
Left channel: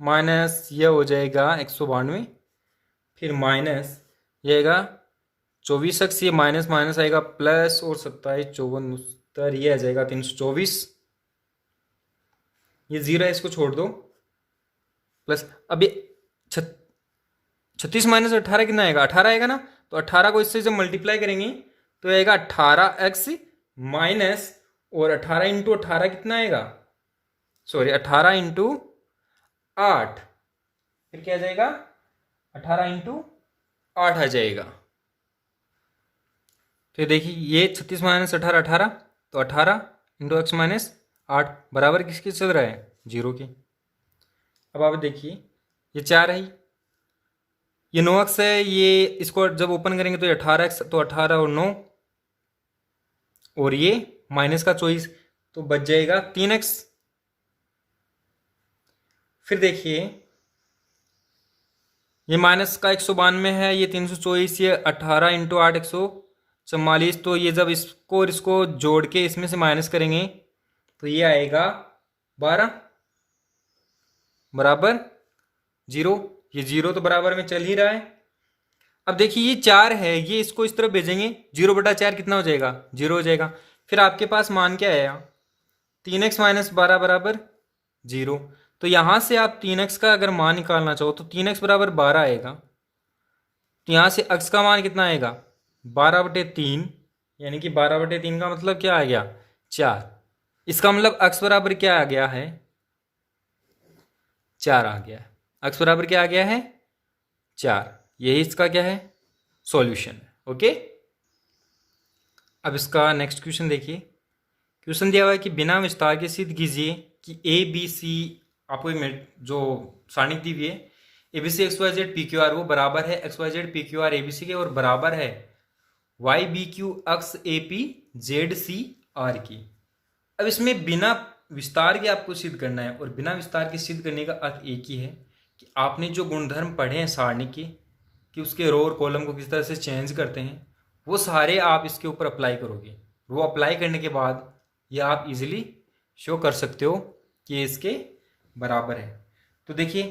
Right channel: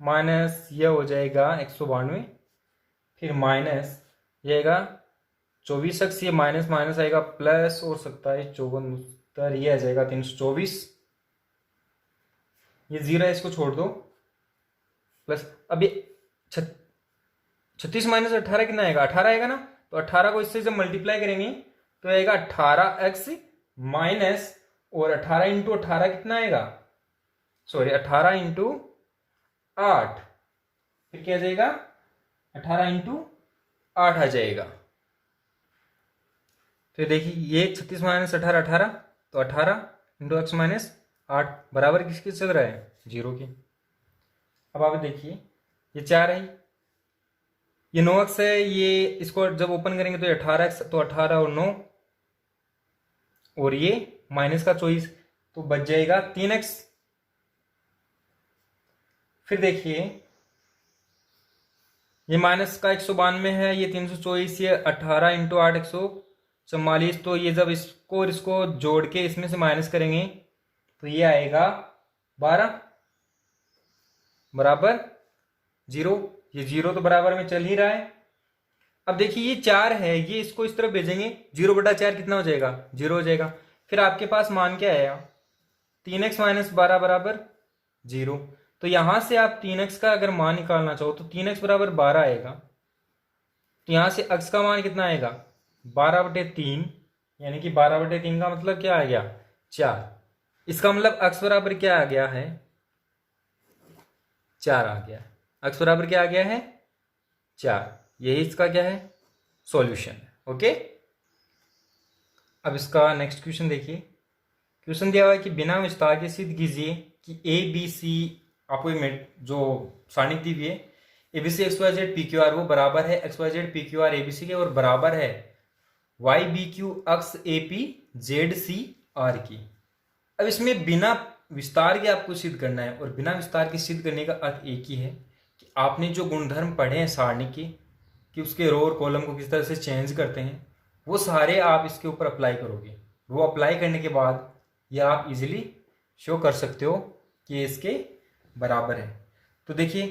माइनस ये हो जाएगा 192, फिर माइनस ये आएगा 24x, ये माइनस माइनस आएगा प्लस, और 27 54 उत्तर ये आ जाएगा 324। ये 0 है, इसको छोड़ दो, प्लस अब ये 36 माइनस 18 कितना आएगा, 18 आएगा ना। तो 18 को इससे जब मल्टीप्लाई करेंगे तो आएगा 18x माइनस, और 18 इंटू 18 कितना आएगा, सॉरी 18 इंटू 8, फिर क्या आ जाएगा, 18 इंटू 8 आ जाएगा। तो देखिए ये 36 माइनस 18 18, तो 18 इंटू एक्स माइनस 8 बराबर किसके चल रहा है, 0 के। अब आप देखिए ये 4 है, ये 9x है, ये इसको जब ओपन करेंगे तो ये 18x, तो 18 और 9, और ये माइनस का 24, तो बच जाएगा 3x। फिर देखिए ये माइनस का 192 है, ये 324, ये 18 इंटू 8 144, तो ये जब इसको और इसको जोड़ के इसमें से माइनस करेंगे तो ये आएगा 12 बराबर 0। ये 0 तो बराबर में चल ही रहा है। अब देखिए ये 4 है, ये इसको इस तरफ भेजेंगे, 0/4 कितना हो जाएगा, 0 हो जाएगा। फिर आपके पास मान क्या आया, 3x माइनस 12 बराबर 0। तो यहां से आप 3x का अगर मान निकालना चाहो तो 3x बराबर 12 आएगा। तो यहां से x का मान कितना आएगा, 12/3, यानी कि 12/3 का मतलब क्या आ गया, 4। इसका मतलब x बराबर क्या आ गया है, 4 आ गया है। x बराबर क्या आ गया है, 4। यही इसका क्या है, सॉल्यूशन है। ओके, अब इसका नेक्स्ट क्वेश्चन देखिए। क्वेश्चन दिया हुआ है कि बिना विस्तार के सिद्ध कीजिए कि ए बी सी, आपको जो सारणी दी हुई है, A B C X Y Z P Q R वो बराबर है X Y Z P Q R A B C के, और बराबर है Y B Q X A P Z C R की। अब इसमें बिना विस्तार के आपको सिद्ध करना है, और बिना विस्तार के सिद्ध करने का अर्थ एक ही है कि आपने जो गुणधर्म पढ़े हैं सारणी के, कि उसके रो और कॉलम को किस तरह से चेंज करते हैं, वो सारे आप इसके ऊपर अप्लाई करोगे। वो अप्लाई करने के बाद ये आप इजीली शो कर सकते हो कि इसके बराबर है। तो देखिए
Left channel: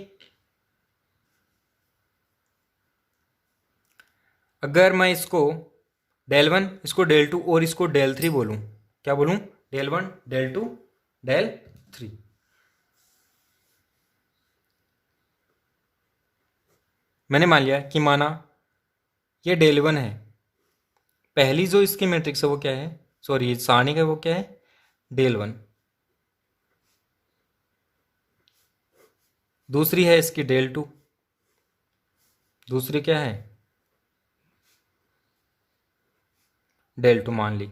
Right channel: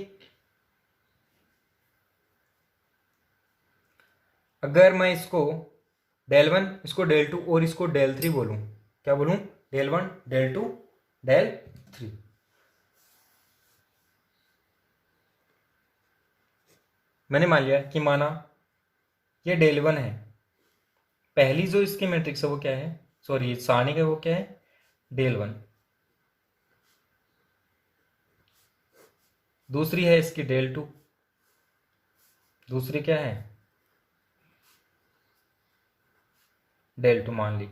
अगर मैं इसको del 1, इसको del 2 और इसको del 3 बोलूं, क्या बोलूं, del 1 del 2 del 3। मैंने मान लिया कि माना ये del 1 है, पहली जो इसकी मैट्रिक्स है वो क्या है, सॉरी सारणी का वो क्या है, del 1। दूसरी है इसकी del 2, दूसरी क्या है, del 2 मान ली।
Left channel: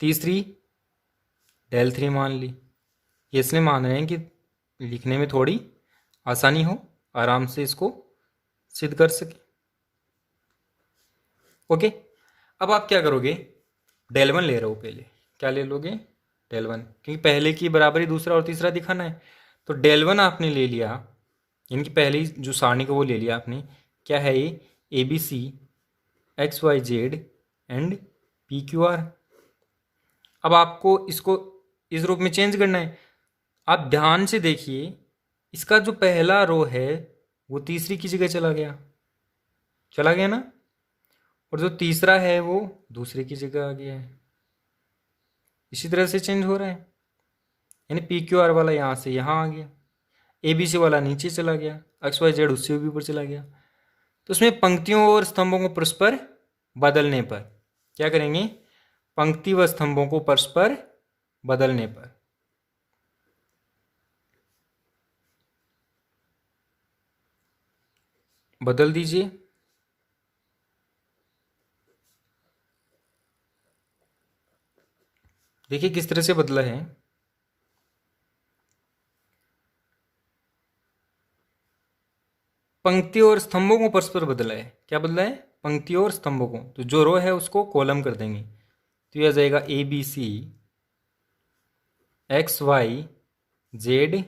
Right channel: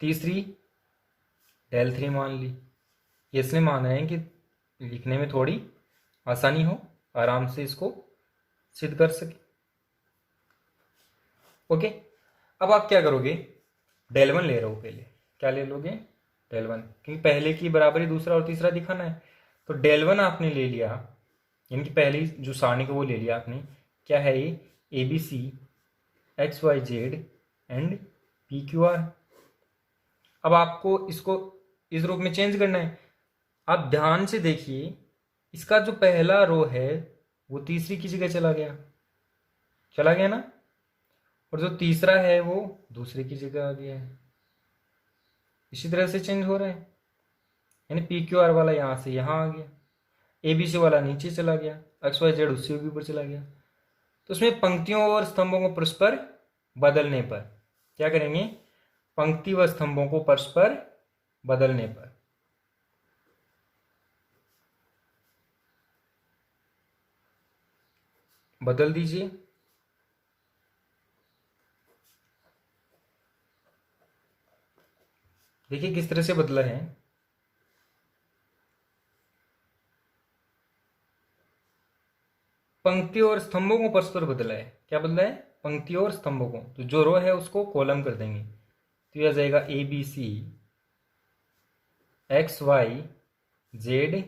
तीसरी del 3 मान ली। ये इसलिए मान रहे हैं कि लिखने में थोड़ी आसानी हो, आराम से इसको सिद्ध कर सके। ओके, अब आप क्या करोगे, del 1 ले रहे हो, पहले क्या ले लोगे, डेल वन, क्योंकि पहले की बराबरी दूसरा और तीसरा दिखाना है। तो डेल वन आपने ले लिया, यानी कि पहली जो सारणी को वो ले लिया आपने। क्या है ये? A B C X Y Z and P Q R. अब आपको इसको इस रूप में चेंज करना है। आप ध्यान से देखिए, इसका जो पहला रो है वो तीसरी की जगह चला गया, चला गया ना, और जो तीसरा है वो दूसरे की जगह आ गया है। इसी तरह से चेंज हो रहा है, यानी पी क्यू आर वाला यहाँ से यहाँ आ गया, ए बी सी वाला नीचे चला गया, एक्स वाई जेड उससे भी ऊपर चला गया। तो उसमें पंक्तियों और स्तंभों को परस्पर बदलने पर क्या करेंगे? पंक्ति व स्तंभों को परस्पर बदलने पर बदल दीजिए। देखिए किस तरह से बदला है। पंक्तियों और स्तंभों को परस्पर बदला है। क्या बदला है? पंक्तियों और स्तंभों को। तो जो रो है उसको कॉलम कर देंगे, तो यह आ जाएगा A B C X Y Z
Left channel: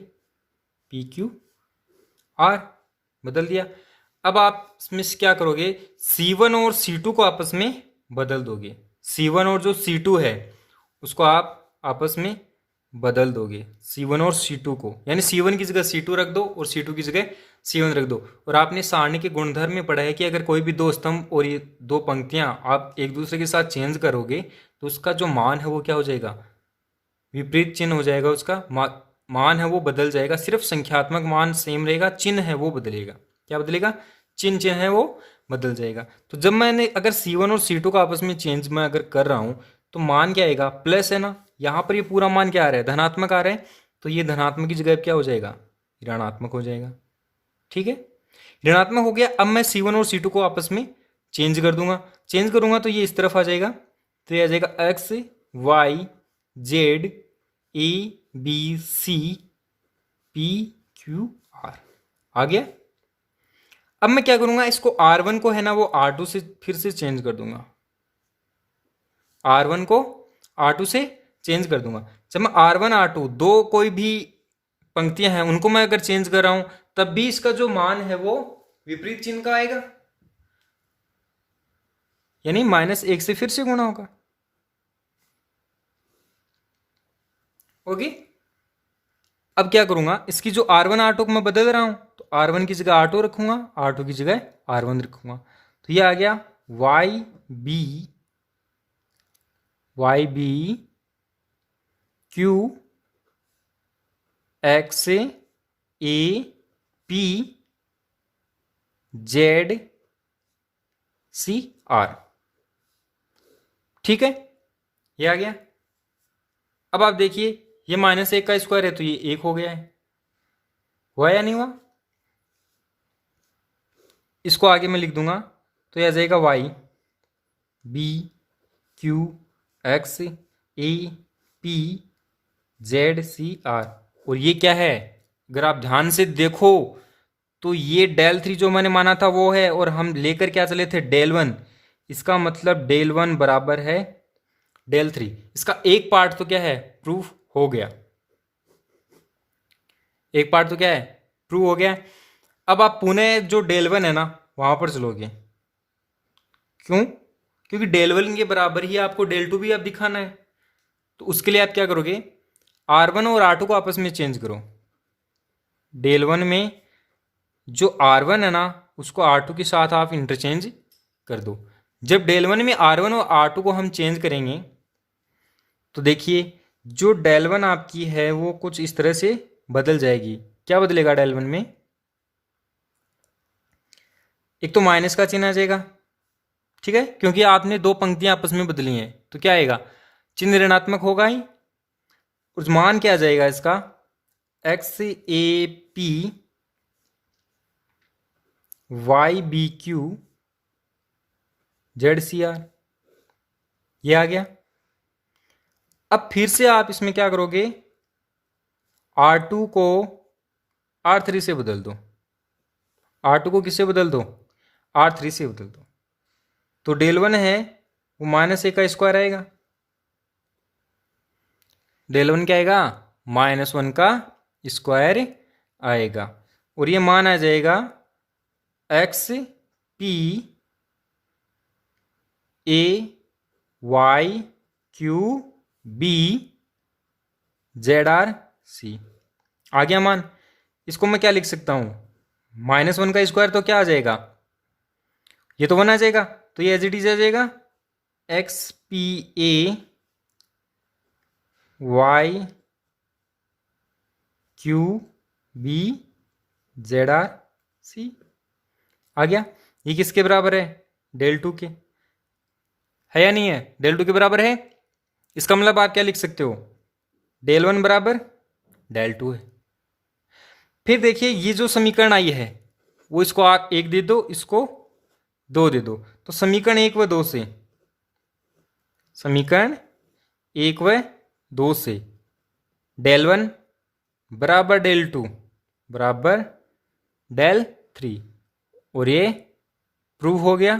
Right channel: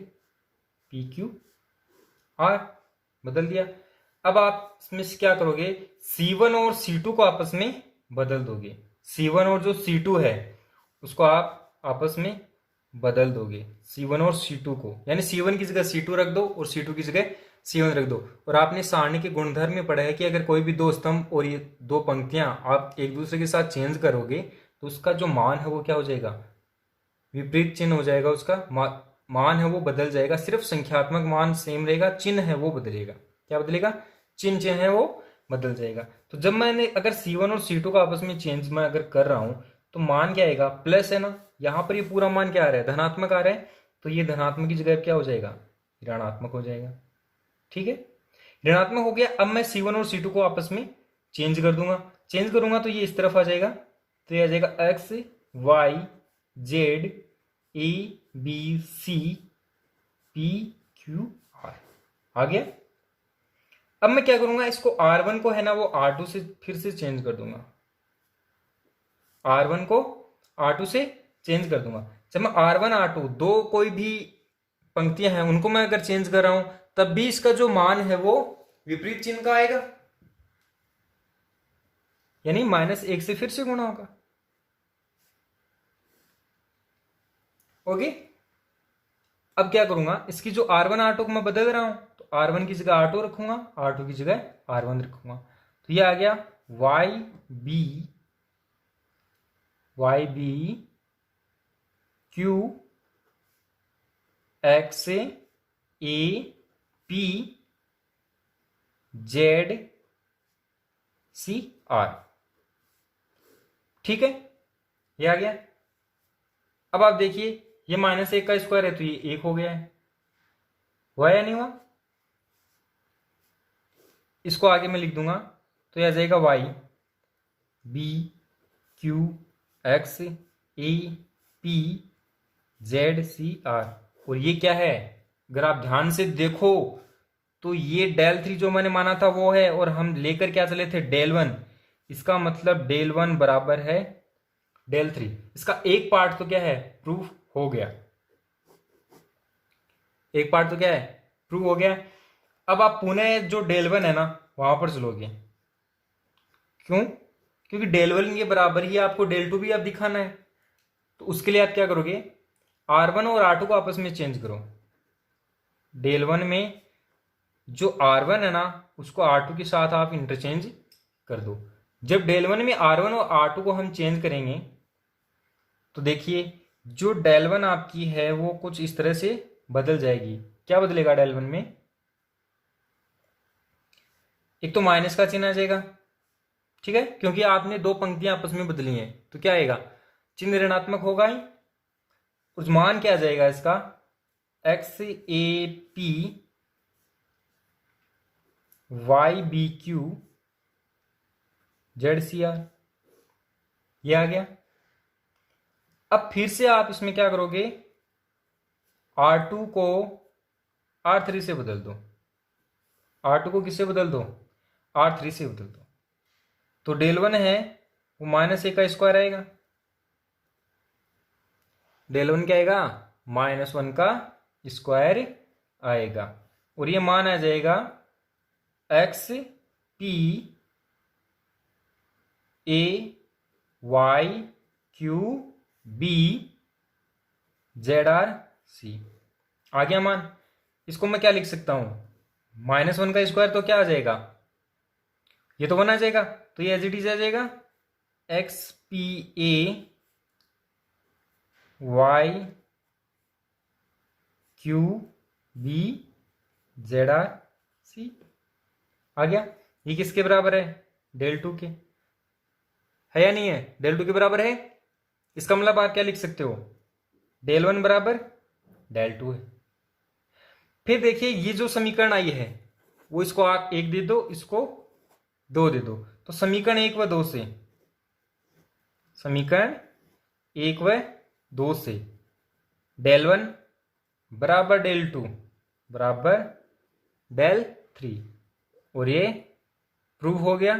P Q R, बदल दिया। अब आप इसमें से क्या करोगे? C1 और C2 को आपस में बदल दोगे। C1 और जो C2 है उसको आप आपस में बदल दोगे, C1 और C2 को, यानी C1 की जगह C2 रख दो और C2 की जगह C1 रख दो। और आपने सारणी के गुणधर्म में पढ़ा है कि अगर कोई भी दो स्तंभ और ये दो पंक्तियां आप एक दूसरे के साथ चेंज करोगे तो उसका जो मान है वो क्या हो जाएगा? विपरीत चिन्ह हो जाएगा। उसका मान है वो बदल जाएगा। सिर्फ संख्यात्मक मान सेम रहेगा, चिन्ह है वो बदलेगा। क्या बदलेगा? चिन्ह है वो बदल जाएगा। तो जब मैंने अगर C1 और C2 का आपस में चेंज मैं अगर कर रहा हूं तो मान क्या आएगा? प्लस है ना। यहाँ पर ये पूरा मान क्या आ रहा है? धनात्मक आ रहा है। तो ये धनात्मक की जगह क्या हो जाएगा? ऋणात्मक हो जाएगा। ठीक है, ऋणात्मक हो गया। अब मैं C1 और C2 को आपस में चेंज कर दूंगा। चेंज करूंगा तो ये इस तरफ आ जाएगा, तो ये आ जाएगा X Y Z A B C P Q R, आ गया। अब मैं क्या करूंगा? इसको R1 को है ना वो R2 से फिर से चेंज कर दूंगा। R1 को R2 से चेंज कर दूंगा। जब मैं R1 R2 दो कोई भी पंक्तियां हैं उनको मैं अगर चेंज कर रहा हूं तब भी इसका जो मान है वो विपरीत चिन्ह का आएगा, यानी -1 से फिर से गुणा होगा। ओके, अब क्या करूंगा? इसकी जो R1 R2 को मैं बदल रहा हूं तो R1 की जगह R2 रखूंगा, R2 की जगह R1 रखूंगा। तो ये आ गया YB Q X A P Z C R। ठीक है, ये आ गया। अब आप देखिए, ये -1 का स्क्वायर है तो ये 1 हो गया है। हुआ या नहीं हुआ? इसको आगे मैं लिख दूंगा तो ये आ जाएगा YB Q X A P Z C R। और ये क्या है? अगर आप ध्यान से देखो तो ये डेल 3 जो मैंने माना था वो है, और हम लेकर क्या चले थे? डेल 1। इसका मतलब डेल 1 बराबर है डेल 3। इसका एक पार्ट तो क्या है? प्रूफ हो गया। एक पार्ट तो क्या है? प्रूव हो गया। अब आप पुनः जो डेल 1 है ना वहां पर चलोगे। क्यों? क्योंकि डेल 1 के बराबर ही आपको डेल 2 भी आप दिखाना है। तो उसके लिए आप क्या करोगे? R1 और R2 को आपस में चेंज करो। डेल 1 में जो R1 है ना उसको R2 के साथ आप इंटरचेंज कर दो। जब डेल 1 में R1 और R2 को हम चेंज करेंगे तो देखिए जो डेल 1 आपकी है वो कुछ इस तरह से बदल जाएगी। क्या बदलेगा डेल 1 में? एक तो माइनस का चिन्ह आ जाएगा, ठीक है, क्योंकि आपने दो पंक्तियां आपस में बदली हैं। तो क्या आएगा? चिन्ह ऋणात्मक होगा ही। और मान क्या आ जाएगा इसका? X A P Y B Q Z C R, ये आ गया। अब फिर से आप इसमें क्या करोगे? R2 को R3 से बदल दो। R2 को किससे बदल दो? R3 से बदल दो। तो डेल 1 है वो -1 का स्क्वायर आएगा। डेल वन क्या आएगा, -1 का स्क्वायर आएगा, और ये मान आ जाएगा X P A Y Q B Z R C. आ गया मान। इसको मैं क्या लिख सकता हूं, -1 का स्क्वायर तो क्या आ जाएगा, ये तो 1 आ जाएगा, तो ये एज इट इज आ जाएगा X P A Y Q B Z R C. आ गया। ये किसके बराबर है, डेल टू के, है या नहीं है, डेल टू के बराबर है। इसका मतलब आप क्या लिख सकते हो, डेल वन बराबर डेल टू है। फिर देखिए ये जो समीकरण आई है वो इसको आप एक दे दो, इसको दो दे दो, तो समीकरण एक व दो से, समीकरण एक व दो से डेल वन बराबर डेल टू बराबर डेल थ्री, और ये प्रूव हो गया।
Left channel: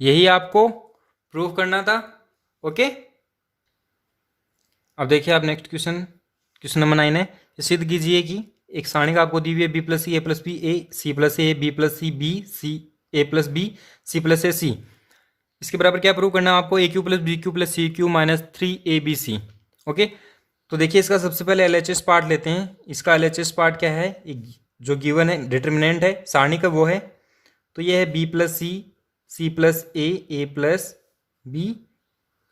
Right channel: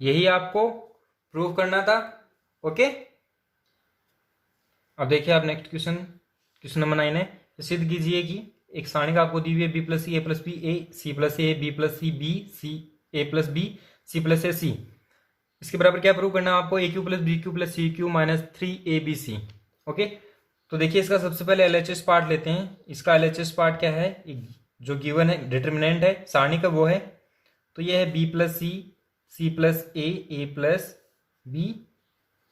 यही आपको प्रूव करना था। ओके, अब देखिए आप नेक्स्ट क्वेश्चन नंबर 9 है। सिद्ध कीजिए कि एक सारणी आपको दी हुई है B plus C A plus B A C plus A B plus C B C A plus B C plus A C. इसके बराबर क्या प्रूव करना है आपको, A cube plus B cube plus C cube minus 3 ABC। Okay, तो देखिए इसका सबसे पहले एलएचएस पार्ट लेते हैं। इसका एलएचएस पार्ट क्या है, जो गिवन है डिटर्मिनेंट है सारणी का वो है, तो ये है B plus C plus A plus B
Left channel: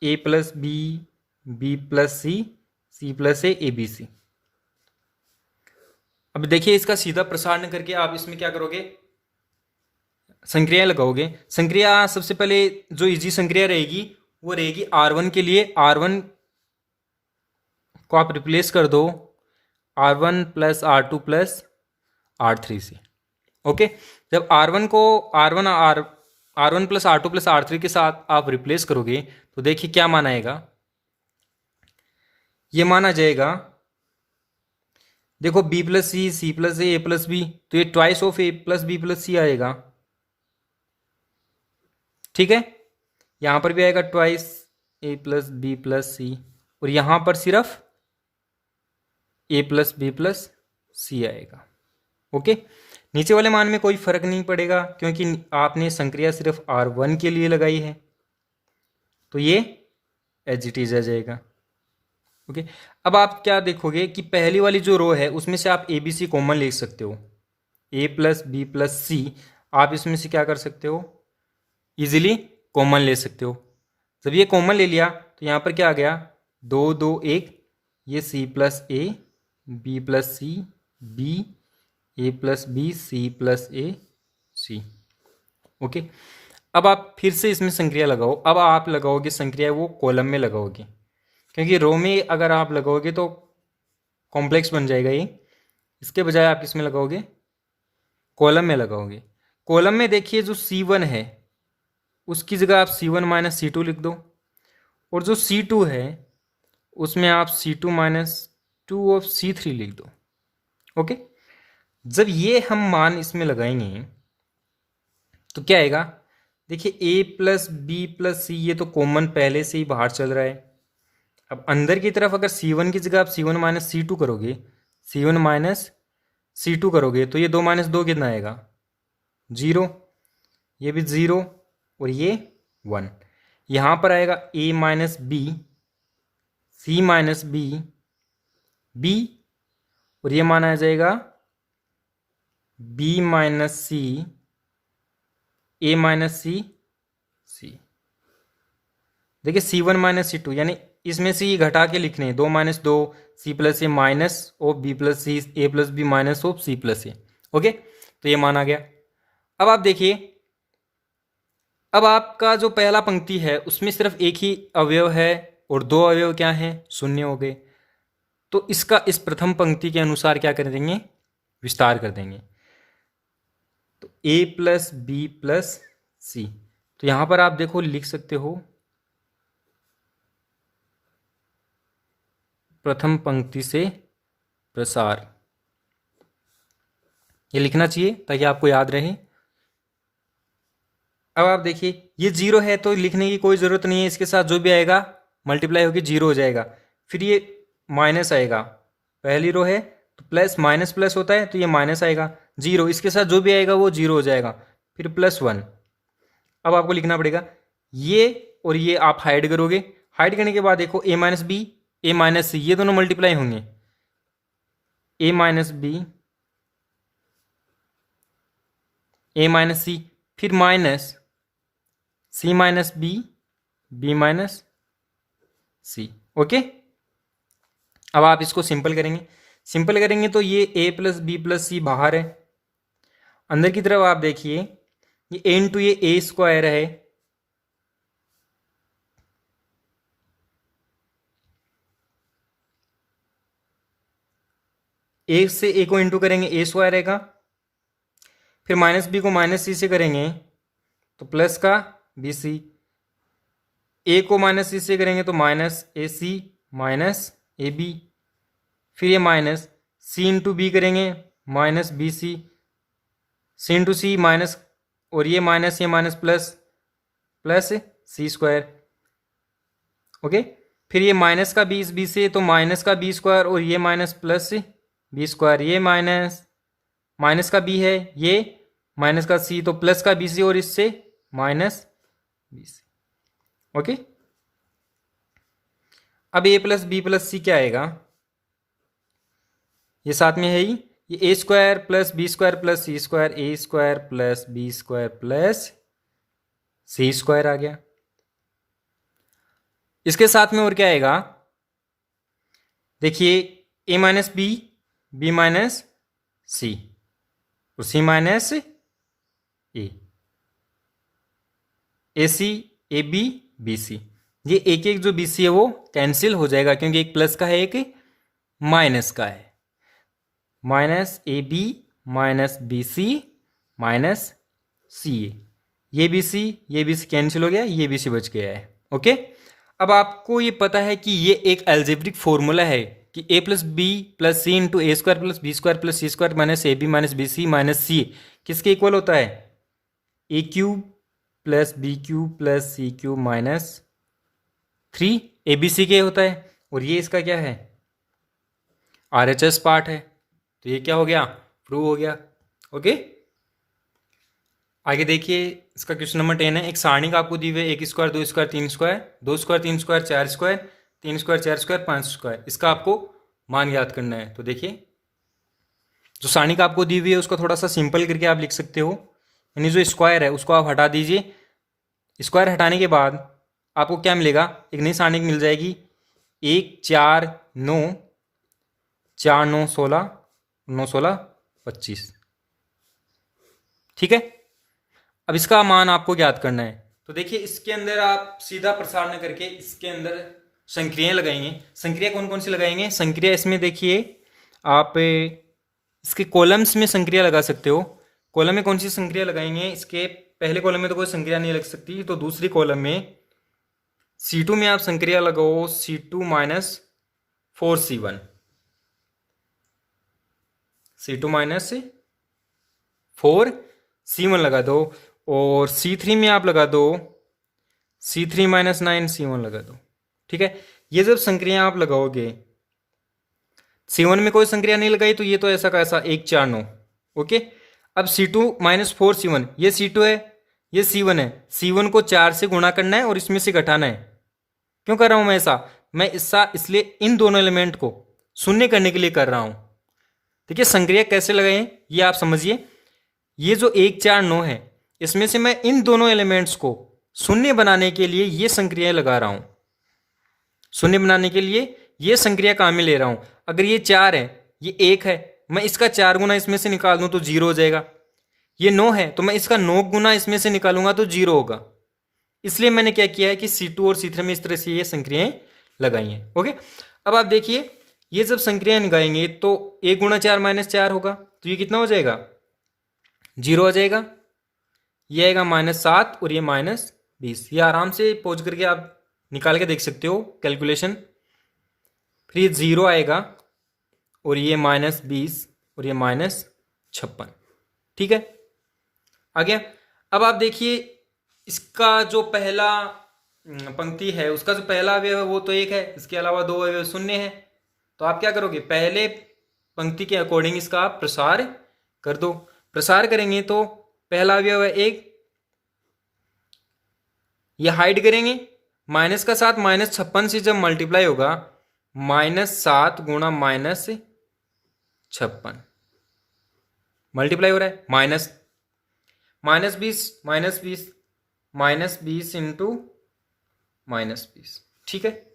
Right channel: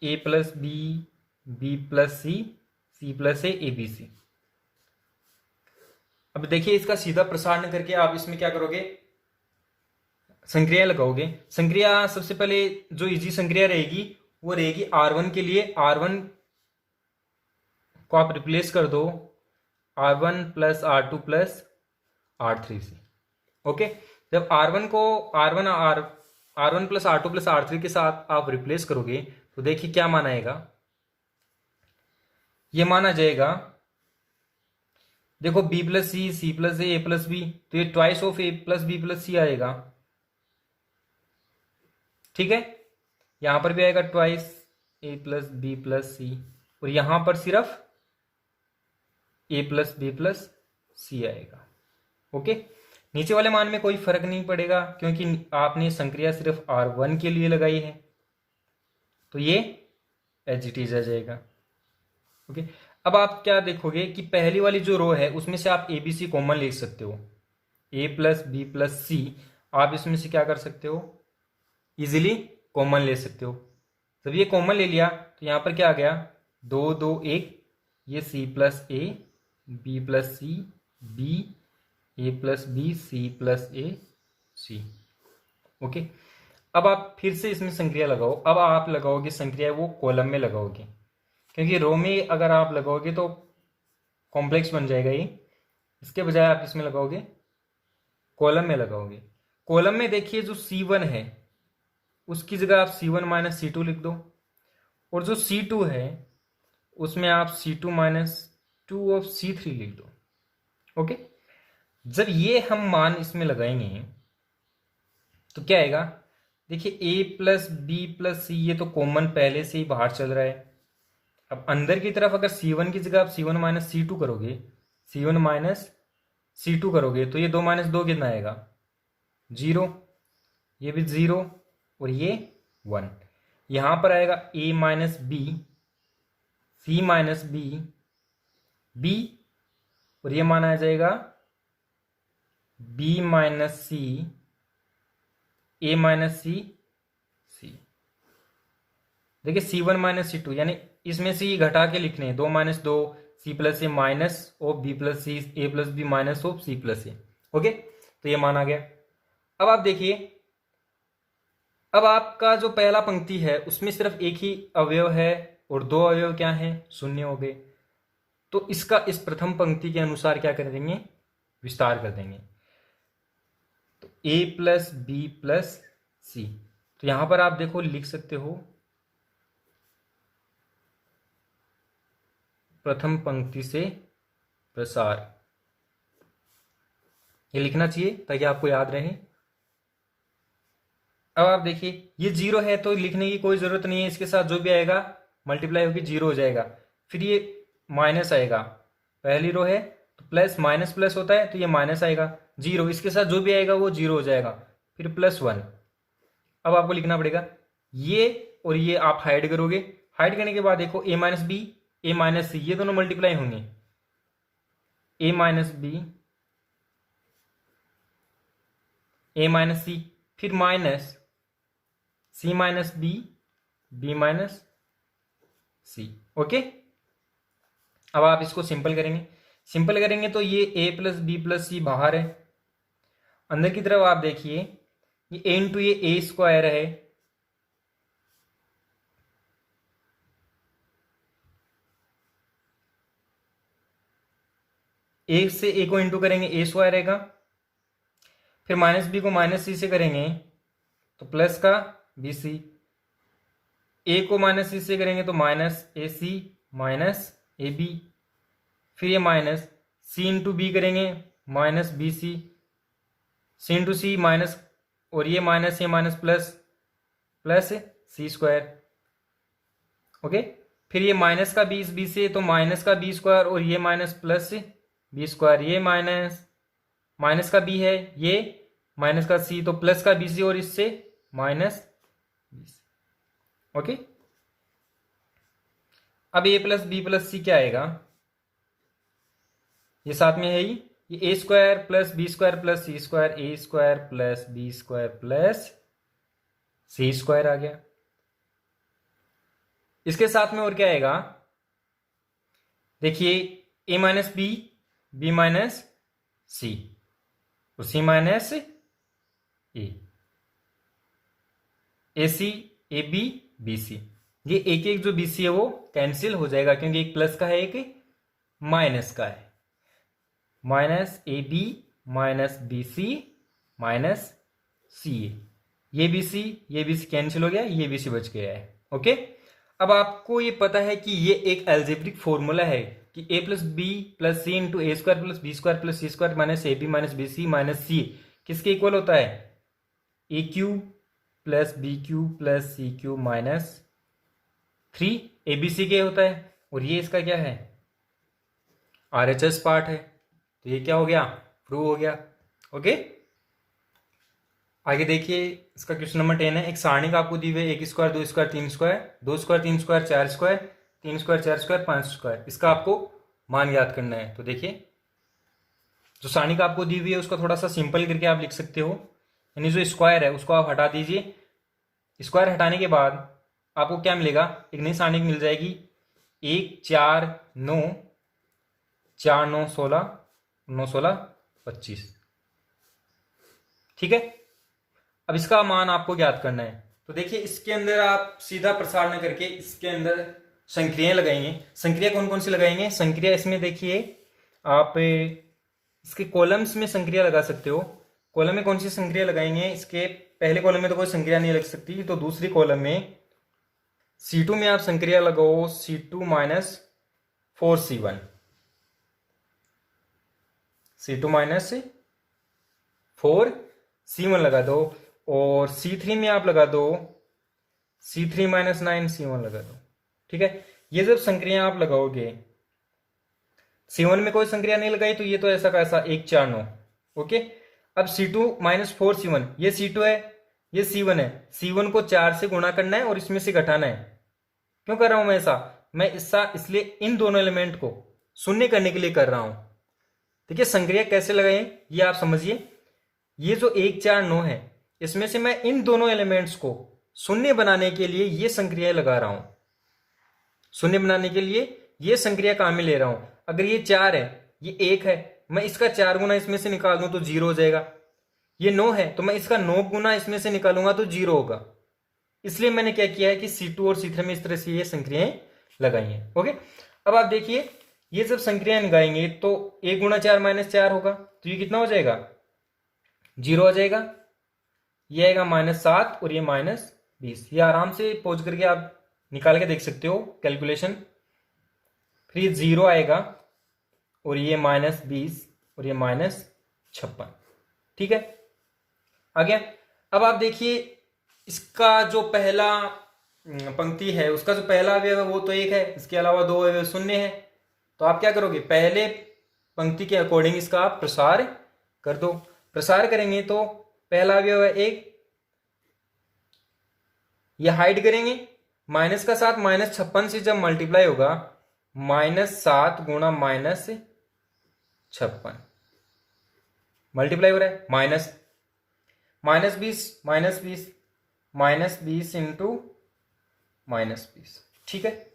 A plus B plus C plus A B C. अब देखिए इसका सीधा प्रसारण करके आप इसमें क्या करोगे, संक्रिया लगाओगे। संक्रिया सबसे पहले जो इजी संक्रिया रहेगी वो रहेगी R1 के लिए, R1 को आप रिप्लेस कर दो R1 plus R2 plus R3 से। ओके, जब R1 को R1 plus R2 plus R3 के साथ आप रिप्लेस करोगे तो देखिए क्या मान आएगा, ये माना जाएगा, देखो B plus C plus A plus B, तो ये twice of A plus B plus C आएगा। ठीक है, यहां पर भी आएगा twice A plus B plus C, और यहां पर सिर्फ A plus B plus C आएगा। ओके, नीचे वाले मान में कोई फर्क नहीं पड़ेगा क्योंकि आपने संक्रिया सिर्फ R1 के लिए लगाई है, तो ये एज इट इज आ जाएगा। ओके, अब आप क्या देखोगे कि पहली वाली जो रो है उसमें से आप ABC कॉमन ले सकते हो, ए प्लस बी प्लस सी आप इसमें से क्या कर सकते हो, इजीली कॉमन ले सकते हो। जब ये कॉमन ले लिया तो यहाँ पर क्या आ गया, 2 2 1, ये C plus A B plus C B A plus B C plus A C. Okay, अब आप फिर से इसमें संक्रिया लगाओ। अब आप लगाओगे संक्रिया वो कॉलम में लगाओगे, क्योंकि रो में अगर आप लगाओगे तो कॉम्प्लेक्स बन जाएगा ये। इसके बजाय आप किसमें लगाओगे, कॉलम में लगाओगे। कॉलम में देखिए जो C1 है उसकी जगह आप C1 माइनस C2 लिख दो, और जो C2 है उसमें आप C2 माइनस 2 ऑफ C3 लिख दो। ओके, जब ये हम मान इसमें लगाएंगे तो क्या आएगा, देखिए ए प्लस बी प्लस सी ये तो कॉमन पहले से ही बाहर चल रहा है। अब अंदर की तरफ अगर C1 की जगह आप C1 माइनस C2 करोगे, C1 माइनस C2 करोगे तो ये 2 माइनस 2 कितना आएगा, 0, ये भी 0 और ये 1। यहाँ पर आएगा A minus B C minus B और ये मान आ जाएगा B minus C A minus C. देखिए C1 माइनस C2 यानी इसमें से ये घटा के लिखने हैं, 2 minus 2 C plus A minus of B plus C A plus B minus of C plus A. Okay, तो ये मान आ गया। अब आप देखिए, अब आपका जो पहला पंक्ति है उसमें सिर्फ एक ही अवयव है और दो अवयव क्या हैं, शून्य हो गए। तो इसका इस प्रथम पंक्ति के अनुसार क्या कर देंगे, विस्तार कर देंगे। तो ए प्लस बी प्लस सी, तो यहां पर आप देखो लिख सकते हो प्रथम पंक्ति से प्रसार, ये लिखना चाहिए ताकि आपको याद रहे। अब आप देखिए ये जीरो है तो लिखने की कोई ज़रूरत नहीं है, इसके साथ जो भी आएगा मल्टीप्लाई होकर जीरो हो जाएगा। फिर ये माइनस आएगा, पहली रो है तो प्लस माइनस प्लस होता है तो ये माइनस आएगा, जीरो इसके साथ जो भी आएगा वो जीरो हो जाएगा, फिर प्लस वन। अब आपको लिखना पड़ेगा ये और ये आप हाइड करोगे, हाइड करने के बाद देखो ए माइनस बी ए माइनस सी ये दोनों मल्टीप्लाई होंगे, ए माइनस बी ए माइनस सी, फिर माइनस सी माइनस बी बी माइनस सी। ओके, अब आप इसको सिंपल करेंगे, सिंपल करेंगे तो ये ए प्लस बी प्लस सी बाहर है, अंदर की तरफ आप देखिए ये ए इंटू ये ए स्क्वायर है, ए से ए को इंटू करेंगे ए स्क्वायर रहेगा, फिर माइनस बी को माइनस सी से करेंगे तो प्लस का बी सी, ए को माइनस सी से करेंगे तो minus A C minus A B, फिर ये माइनस सी इंटू बी करेंगे minus B C, C into C minus और ये minus plus plus C square. Okay, फिर ये माइनस का बी इस बी से तो माइनस का बी स्क्वायर और ये माइनस प्लस बी स्क्वायर, ये माइनस माइनस का बी है, ये माइनस का सी तो प्लस का बी सी और इससे माइनस बी सी। ओके, अब A plus B plus C क्या आएगा, ये साथ में है ही, ये A square plus B square plus C square, A square plus B square plus C square आ गया। इसके साथ में और क्या आएगा, देखिए A minus B B minus C और C minus A C A B B C, ये एक एक जो बी सी है वो कैंसिल हो जाएगा क्योंकि एक प्लस का है एक माइनस का है, minus A B minus B C minus C A, ये बी सी कैंसिल हो गया, ये बी सी बच गया है। ओके, अब आपको ये पता है कि ये एक एल्जेब्रिक फॉर्मूला है कि A plus B plus C into A square plus B square plus C square minus A B minus B C minus C किसके इक्वल होता है, A cube plus B cube plus C cube minus 3 A B C के होता है, और ये इसका क्या है RHS पार्ट है, तो ये क्या हो गया, प्रूव हो गया। ओके, आगे देखिए इसका क्वेश्चन नंबर 10 है, एक सारणी का आपको दी हुई है, एक स्क्वायर दो स्क्वायर तीन स्क्वायर, दो स्क्वायर तीन स्क्वायर चार स्क्वायर, तीन स्क्वायर चार स्क्वायर पांच स्क्वायर, इसका आपको मान याद करना है। तो देखिए जो सारणी का आपको दी हुई है उसको थोड़ा सा सिंपल करके आप लिख सकते हो, यानी जो स्क्वायर है उसको आप हटा दीजिए, स्क्वायर हटाने के बाद आपको क्या मिलेगा, एक नई सारणी मिल जाएगी, एक चार नौ चार नौ सोलह नौ सोलह 25। ठीक है, अब इसका मान आपको ज्ञात करना है। तो देखिए इसके अंदर आप सीधा प्रसार न करके इसके अंदर संक्रियाएं लगाएंगे। संक्रिया कौन कौन सी लगाएंगे, संक्रिया इसमें देखिए आप इसके कॉलम्स में संक्रिया लगा सकते हो। कॉलम में कौन सी संक्रिया लगाएंगे, इसके पहले कॉलम में तो कोई संक्रिया नहीं लग सकती, तो दूसरी कॉलम में C2 में आप संक्रिया लगाओ C2 minus 4C1, C2 minus 4C1 लगा दो, और C3 में आप लगा दो C3 माइनस 9C1 लगा दो। ठीक है, ये जब संक्रिया आप लगाओगे, C1 में कोई संक्रिया नहीं लगाई तो ये तो ऐसा का ऐसा 1 4 9। ओके, अब C2 माइनस 4C1, ये C2 है ये C1 है, C1 को 4 से गुणा करना है और इसमें से घटाना है। क्यों कर रहा हूं मैं ऐसा, मैं ऐसा इसलिए इन दोनों एलिमेंट को शून्य करने के लिए कर रहा हूं। देखिए संक्रिया कैसे लगाएं ये आप समझिए, ये जो 1 4 9 है इसमें से मैं इन दोनों एलिमेंट्स को शून्य बनाने के लिए ये संक्रिया लगा रहा हूं, शून्य बनाने के लिए ये संक्रिया काम में ले रहा हूं। अगर ये 4 है ये 1 है, मैं इसका 4 गुना इसमें से निकाल दूं तो 0 हो जाएगा। ये 9 है तो मैं इसका 9 गुना इसमें से निकालूंगा तो 0 होगा। इसलिए मैंने क्या किया है कि C2 और C3 में इस तरह से ये संक्रियाएं लगाई हैं। ओके, अब आप देखिए ये जब संक्रियाएं लगाएंगे तो 1 गुना 4 माइनस 4 होगा, तो ये कितना हो जाएगा 0 आ जाएगा, ये आएगा -7 और ये -20। ये आराम से पहुंच करके आप निकाल के देख सकते हो कैलकुलेशन। फिर ये 0 आएगा और ये -20 और ये -56। ठीक है, आ गया। अब आप देखिए इसका जो पहला पंक्ति है उसका जो पहला अवयव है वो तो 1 है, इसके अलावा 2 अवयव शून्य है। तो आप क्या करोगे, पहले पंक्ति के अकॉर्डिंग इसका आप प्रसार कर दो। प्रसार करेंगे तो पहला अवयव है 1, ये हाइड करेंगे। माइनस का 7 -56 से जब मल्टीप्लाई होगा, -7 गुणा -56 मल्टीप्लाई हो रहा है, -20 इंटू -20, ठीक है।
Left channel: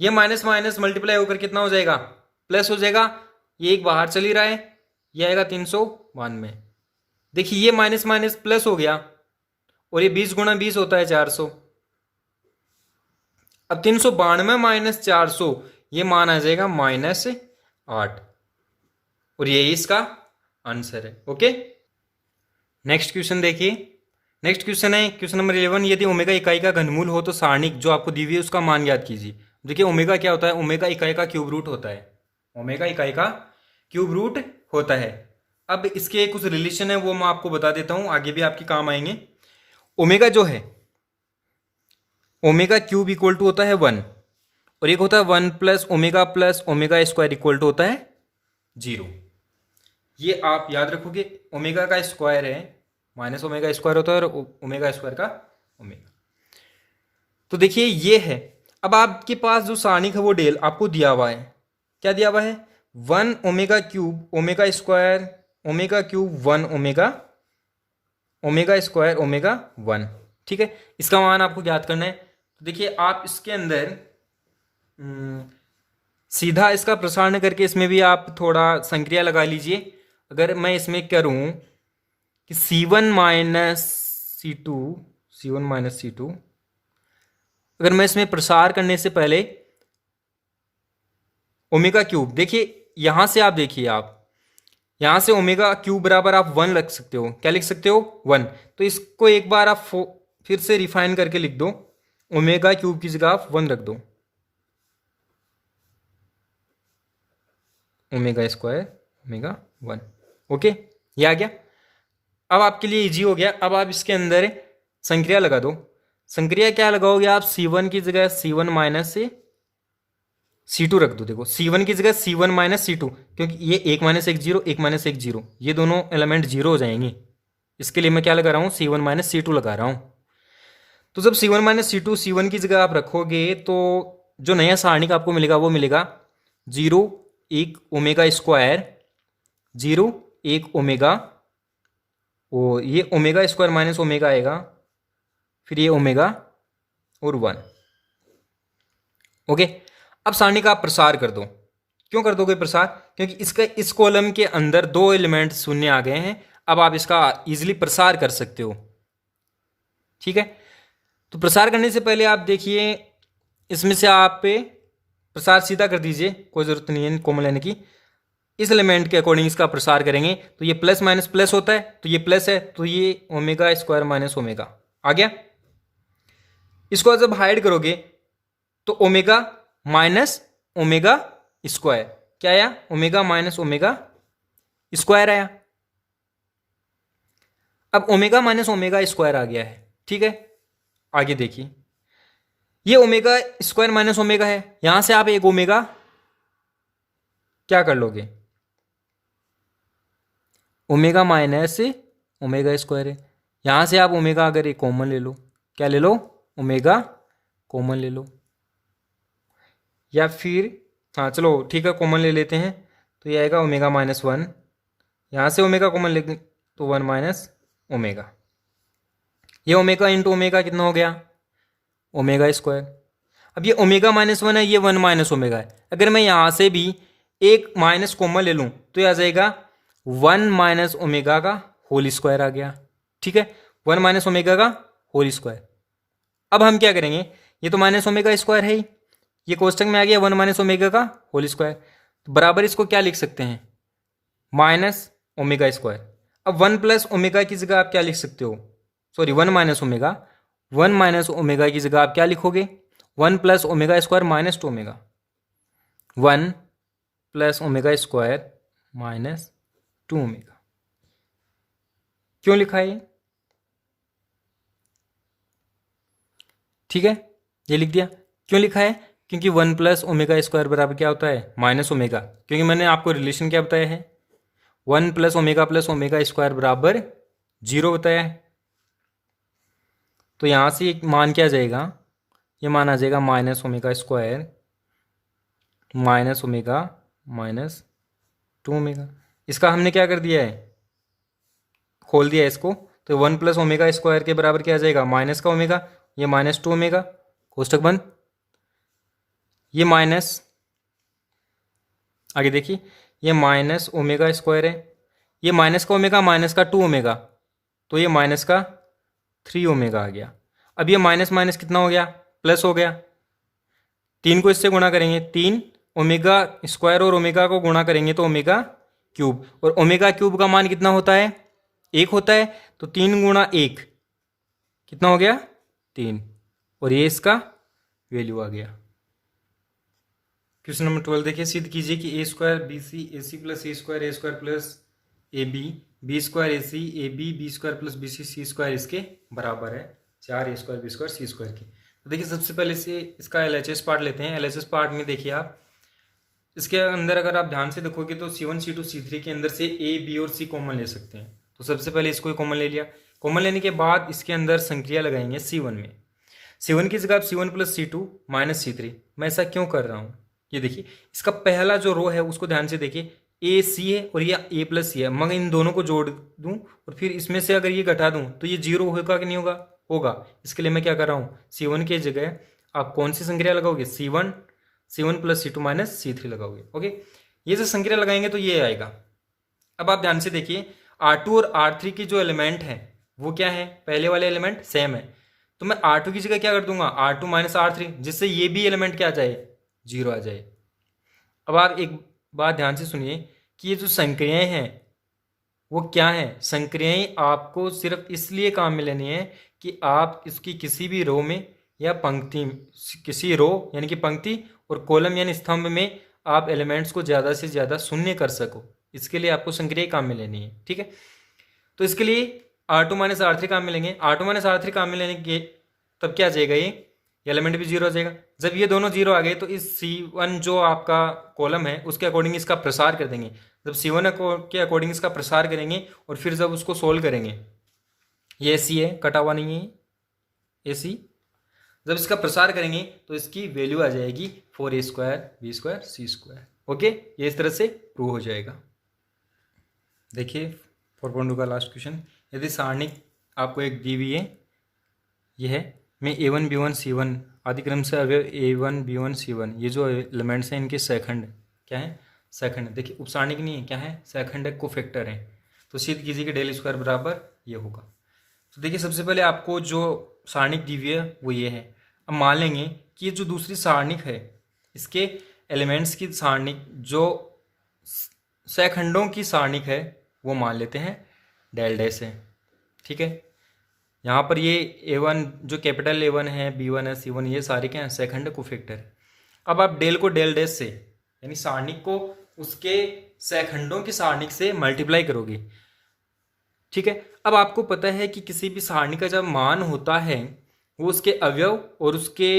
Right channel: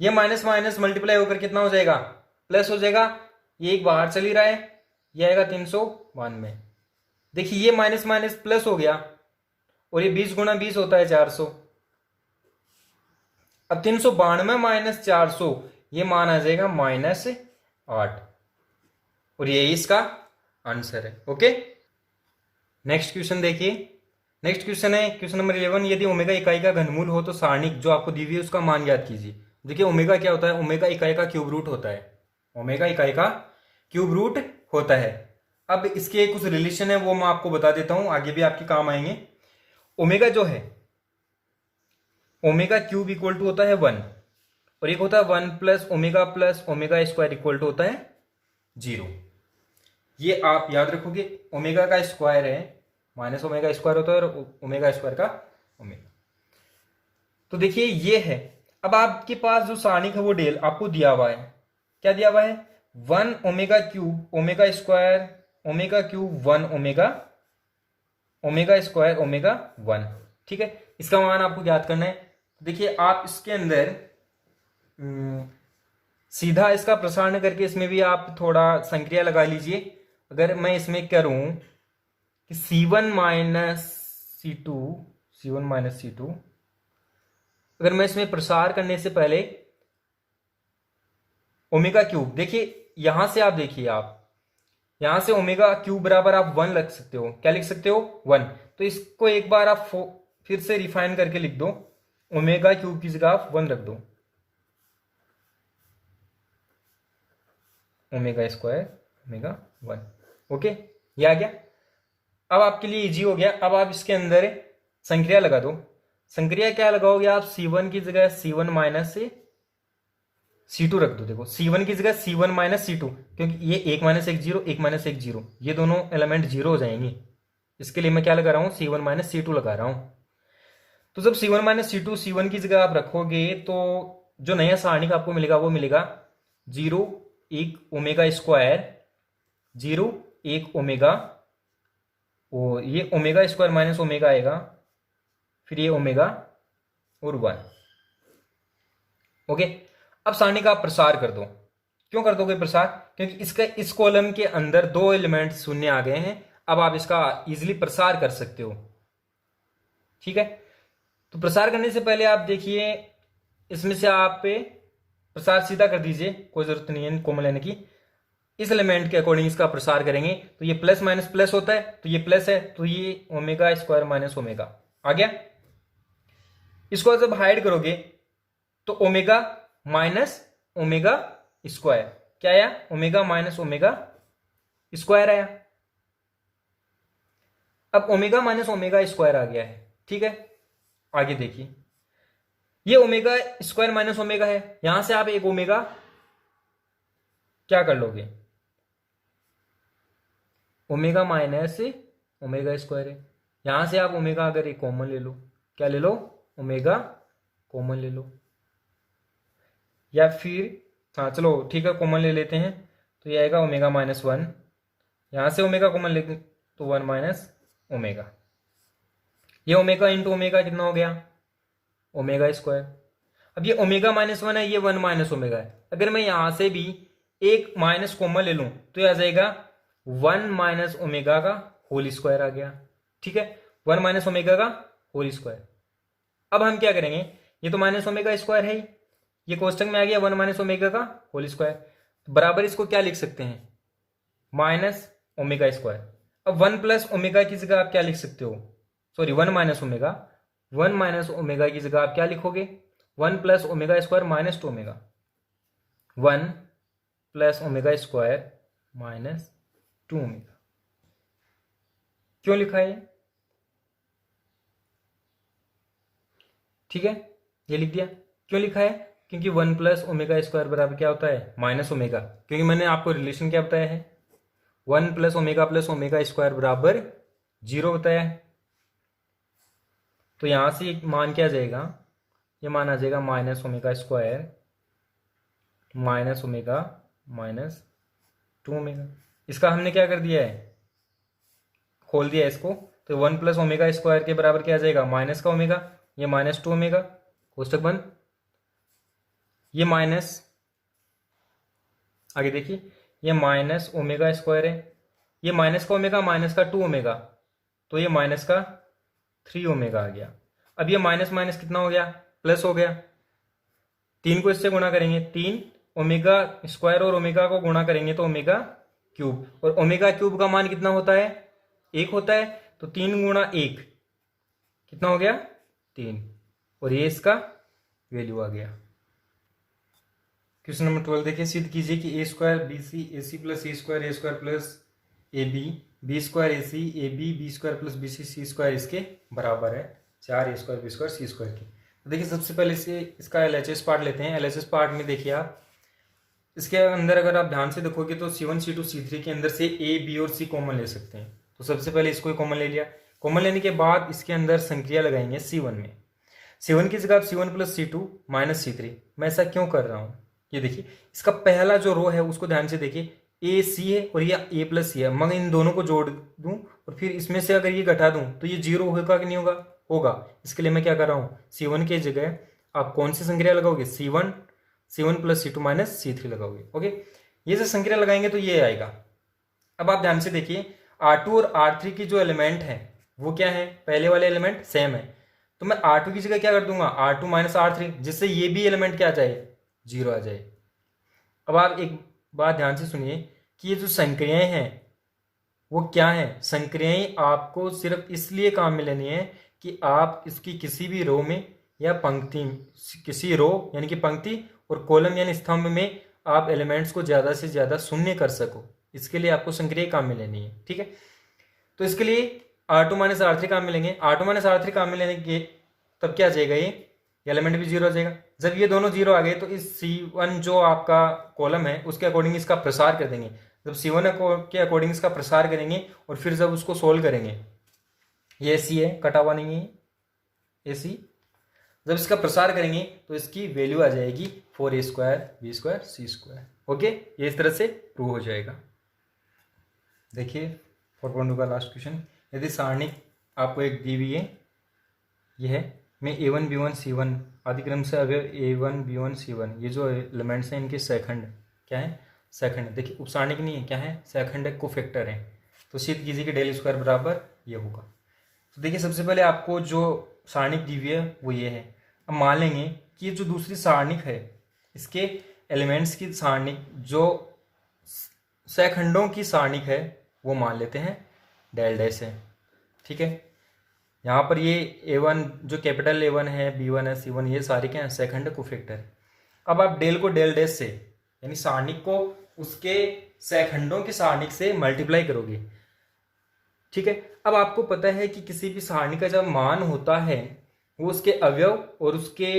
ये माइनस माइनस मल्टीप्लाई होकर कितना हो जाएगा, प्लस हो जाएगा। ये एक बाहर चली रहा है, ये आएगा 392। देखिए ये माइनस माइनस प्लस हो गया, और ये 20 गुणा 20 होता है 400। अब 392 माइनस 400, ये मान आ जाएगा -8, और ये इसका आंसर है। ओके, नेक्स्ट क्वेश्चन देखिए। नेक्स्ट क्वेश्चन है क्वेश्चन नंबर 11। यदि ओमेगा इकाई का घनमूल हो तो सारणिक जो आपको दी हुई है उसका मान ज्ञात कीजिए। देखिए ओमेगा क्या होता है, ओमेगा इकाई का क्यूब रूट होता है, ओमेगा इकाई का क्यूब रूट होता है। अब इसके कुछ रिलेशन है वो मैं आपको बता देता हूं, आगे भी आपके काम आएंगे। ओमेगा जो है, ओमेगा क्यूब इक्वल टू होता है 1, और एक होता है 1 plus omega square equal to होता है 0। ये आप याद रखोगे, ओमेगा का स्क्वायर है माइनस ओमेगा स्क्वायर होता है, और ओमेगा स्क्वायर का ओमेगा। तो देखिए ये है। अब आपके पास जो सारणिक है वो डेल आपको दिया हुआ है, क्या दिया हुआ है, 1 omega cube omega square omega cube 1 omega square omega 1, ठीक है। इसका मान आपको ज्ञात करना है। तो देखिए आप इसके अंदर सीधा इसका प्रसारण करके इसमें भी आप थोड़ा संक्रिया लगा लीजिए। अगर मैं इसमें करूं कि C1 माइनस C2 अगर मैं इसमें प्रसार करने से पहले ओमेगा क्यूब, देखिए यहां से आप देखिए, आप यहां से ओमेगा क्यूब बराबर आप 1 रख सकते हो। क्या लिख सकते हो, 1। तो इसको एक बार आप फिर से रिफाइन करके लिख दो, ओमेगा क्यूब की जगह आप 1 रख दो, ओमेगा स्क्वायर ओमेगा 1। ओके, ये आ गया। अब आपके लिए इजी हो गया। अब आप इसके अंदर संक्रिया लगा दो। संक्रिया क्या लगाओगे आप, C1 की जगह C1 माइनस से C2 रख दो। देखो C1 की जगह C1 माइनस C2, क्योंकि ये 1 माइनस 1 0, 1 माइनस 1 0, ये दोनों एलिमेंट 0 हो जाएंगे। इसके लिए मैं क्या लगा रहा हूँ, C1 माइनस C2 लगा रहा हूँ। तो जब C1 माइनस C2 C1 की जगह आप रखोगे तो जो नया सारणिक आपको मिलेगा वो मिलेगा 0 1 ओमेगा स्क्वायर 0 1 ओमेगा, वो ये ओमेगा स्क्वायर माइनस ओमेगा आएगा, फिर ये ओमेगा और 1। ओके, अब सारणी का आप प्रसार कर दो। क्यों कर दोगे प्रसार, क्योंकि इसका इस कॉलम के अंदर 2 एलिमेंट शून्य आ गए हैं। अब आप इसका इजीली प्रसार कर सकते हो, ठीक है। तो प्रसार करने से पहले आप देखिए, इसमें से आप प्रसार सीधा कर दीजिए, कोई जरूरत नहीं है कॉमन लेने की। इस एलिमेंट के अकॉर्डिंग इसका प्रसार करेंगे तो ये प्लस माइनस प्लस होता है, तो ये प्लस है, तो ये ओमेगा स्क्वायर माइनस ओमेगा आ गया। इसको जब हाइड करोगे तो ओमेगा माइनस ओमेगा स्क्वायर क्या आया, ओमेगा माइनस ओमेगा स्क्वायर आया। अब ओमेगा माइनस ओमेगा स्क्वायर आ गया है, ठीक है। आगे देखिए, ये ओमेगा स्क्वायर माइनस ओमेगा है, यहां से आप एक ओमेगा क्या कर लोगे, ओमेगा माइनस ओमेगा स्क्वायर है, यहां से आप ओमेगा अगर एक कॉमन ले लो, क्या ले लो, ओमेगा कॉमन ले लो, या फिर हाँ चलो ठीक है कॉमन ले लेते हैं, तो ये आएगा ओमेगा माइनस 1, यहाँ से ओमेगा कॉमन ले तो 1 माइनस ओमेगा, ये ओमेगा इंटू ओमेगा कितना हो गया, ओमेगा स्क्वायर। अब ये ओमेगा माइनस 1 है, ये 1 माइनस ओमेगा है। अगर मैं यहाँ से भी एक माइनस कॉमन ले लूँ तो ये आ जाएगा 1 माइनस ओमेगा का होल स्क्वायर आ गया, ठीक है, 1 माइनस ओमेगा का होल स्क्वायर। अब हम क्या करेंगे, ये तो माइनस ओमेगा स्क्वायर है ही, ये कोष्टक में आ गया 1 माइनस ओमेगा का होल स्क्वायर, तो बराबर इसको क्या लिख सकते हैं, माइनस ओमेगा स्क्वायर। अब 1 प्लस ओमेगा की जगह आप क्या लिख सकते हो, sorry 1 minus omega, 1 minus omega की जगह आप क्या लिखोगे, 1 plus omega square minus 2 omega, 1 plus omega square minus 2 omega. क्यों लिखा है, ठीक है, ये लिख दिया। क्यों लिखा है? क्योंकि 1 प्लस ओमेगा स्क्वायर बराबर क्या होता है? Minus omega. क्योंकि मैंने आपको रिलेशन क्या बताया है? 1 प्लस ओमेगा स्क्वायर बराबर 0 बताया है। तो यहाँ से एक मान क्या आ जाएगा? ये मान आ जाएगा minus omega square minus omega minus 2 omega. इसका हमने क्या कर दिया है? खोल दिया है इसको। तो 1 प्लस ओमेगा स्क्वायर के बराबर क्या आ जाएगा? माइनस का ओमेगा, ये माइनस 2 ओमेगा, कोष्टक बंद। ये माइनस, आगे देखिए, ये माइनस ओमेगा स्क्वायर है, ये माइनस का ओमेगा माइनस का 2 ओमेगा, तो ये माइनस का 3 ओमेगा आ गया। अब ये माइनस माइनस कितना हो गया? प्लस हो गया। 3 को इससे गुणा करेंगे, 3 ओमेगा स्क्वायर और ओमेगा को गुणा करेंगे तो ओमेगा क्यूब, और ओमेगा क्यूब का मान कितना होता है? 1 होता है। तो 3 गुणा 1 कितना हो गया? 3, और ये इसका वैल्यू आ गया। क्वेश्चन नंबर 12 देखिए, सिद्ध कीजिए कि A square B C A C plus A square plus A B square A C A B square plus B C square इसके बराबर है 4 A square B square C square की। तो देखिए सबसे पहले से इसका एलएचएस पार्ट लेते हैं। एलएचएस पार्ट में देखिए आप, इसके अंदर अगर आप ध्यान से देखोगे तो C1 C2 C3 के अंदर से ए बी और सी कॉमन ले सकते हैं। तो सबसे पहले इसको कॉमन ले लिया। कॉमन लेने के बाद इसके अंदर संक्रिया लगाएंगे C1 में। C1 की जगह आप C1 plus C2 minus C3। मैं ऐसा क्यों कर रहा हूँ? ये देखिए, इसका पहला जो रो है उसको ध्यान से देखिए, ए सी है और ये ए प्लस सी है। मैं इन दोनों को जोड़ दूं और फिर इसमें से अगर ये घटा दूं तो ये 0 होगा कि नहीं होगा? होगा। इसके लिए मैं क्या कर रहा हूँ? C1 की जगह आप कौन सी संक्रिया लगाओगे? C1 plus C2 minus C3 लगाओगे। ओके, ये जो संक्रिया लगाएंगे तो ये आएगा। अब आप ध्यान से देखिए, R2 और R3 की जो एलिमेंट है वो क्या है? पहले वाले एलिमेंट सेम है, तो मैं R2 की जगह क्या कर दूंगा? R2 माइनस R3, जिससे ये भी एलिमेंट क्या आ जाए? 0 आ जाए। अब आप एक बात ध्यान से सुनिए कि ये जो संक्रियाएं हैं वो क्या है? संक्रियाएं आपको सिर्फ इसलिए काम में लेनी है कि आप इसकी किसी भी रो में या पंक्ति, किसी रो यानी कि पंक्ति और कॉलम यानी स्तंभ में आप एलिमेंट्स को ज़्यादा से ज़्यादा शून्य कर सको। इसके लिए आपको संक्रियाएं काम में लेनी है। ठीक है, तो इसके लिए R2 माइनस R3 काम में लेंगे। R2 माइनस R3 काम में लेने के तब क्या आ जाएगा? ये एलिमेंट भी 0 आ जाएगा। जब ये दोनों 0 आ गए तो इस C1 जो आपका कॉलम है उसके अकॉर्डिंग इसका प्रसार कर देंगे। जब C1 के अकॉर्डिंग इसका प्रसार करेंगे और फिर जब उसको सोल्व करेंगे, ये AC है, कटा हुआ नहीं है AC, जब इसका प्रसार करेंगे तो इसकी वैल्यू आ जाएगी 4A square B square C square. Okay, ये इस तरह से प्रूव हो जाएगा। देखिए 4.2 का लास्ट क्वेश्चन, यदि सारणी आपको एक दी हुई है, ये है, में A1 B1 C1 आदि क्रम से अवयव A1 B1 C1, ये जो एलिमेंट्स हैं इनके सेकंड क्या है? सेकंड। देखिए उपसारणिक नहीं है, क्या है? सेकंड है, कोफैक्टर है। तो सिद्ध कीजिए कि डेल स्क्वायर बराबर ये होगा। तो देखिए सबसे पहले आपको जो सारणिक दी हुई है वो ये है। अब मान लेंगे कि ये जो दूसरी सारणिक है इसके एलिमेंट्स की सारणिक जो सेकंडों की सारणिक है वो मान लेते हैं डेल डैश है। ठीक है, यहाँ पर ये A1 जो कैपिटल A1 है, B1 है, C1, ये सारे क्या हैं? सेकंड कोफैक्टर है। अब आप डेल को डेल डैश से यानी सारणिक को उसके सेकंडों की सारणिक से मल्टीप्लाई करोगे। ठीक है, अब आपको पता है कि किसी भी सारणी का जब मान होता है वो उसके अवयव और उसके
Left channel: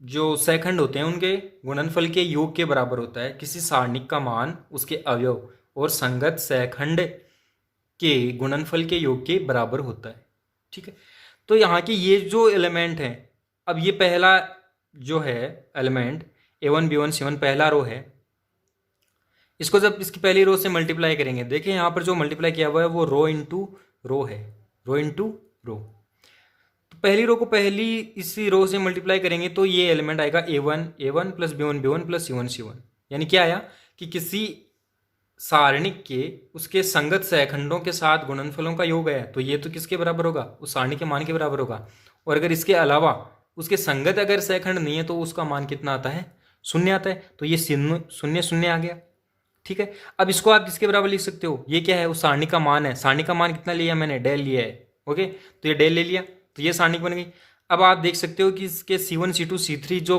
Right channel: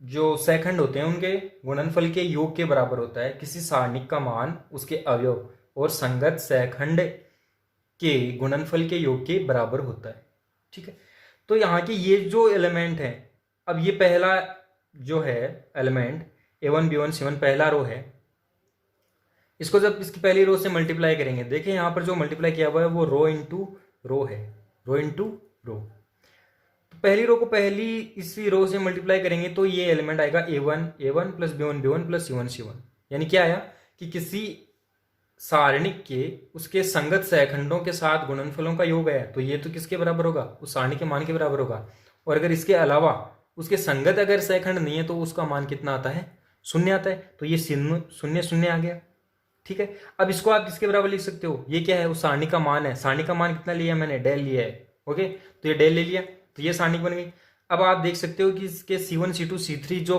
जो सेकंड होते हैं उनके गुणनफल के योग के बराबर होता है। किसी सारणी का मान उसके अवयव और संगत सेकंड के गुणनफल के योग के बराबर होता है। ठीक है, तो यहाँ के ये जो एलिमेंट है, अब ये पहला जो है एलिमेंट A1 B1 C1 पहला रो है, इसको जब इसकी पहली रो से मल्टीप्लाई करेंगे, देखिए यहाँ पर जो मल्टीप्लाई किया हुआ है वो रो इंटू रो है, रो इंटू रो। तो पहली रो को पहली इसी रो से मल्टीप्लाई करेंगे तो ये एलिमेंट आएगा A1 plus B1 plus C1 यानी क्या आया कि किसी सारणिक के उसके संगत सेकंडों के साथ गुणनफलों का योग है, तो ये तो किसके बराबर होगा? उस सारणी के मान के बराबर होगा। और अगर इसके अलावा उसके संगत अगर सेकंड नहीं है तो उसका मान कितना आता है? 0 आता है। तो ये 0 आ गया। ठीक है, अब इसको आप किसके बराबर लिख सकते हो? ये क्या है? उस सारणी का मान है। सारणी का मान कितना लिया मैंने? डेल लिया है। ओके, तो ये डेल ले लिया तो ये सारणी बन गई। अब आप देख सकते हो कि इसके C1 C2 C3 जो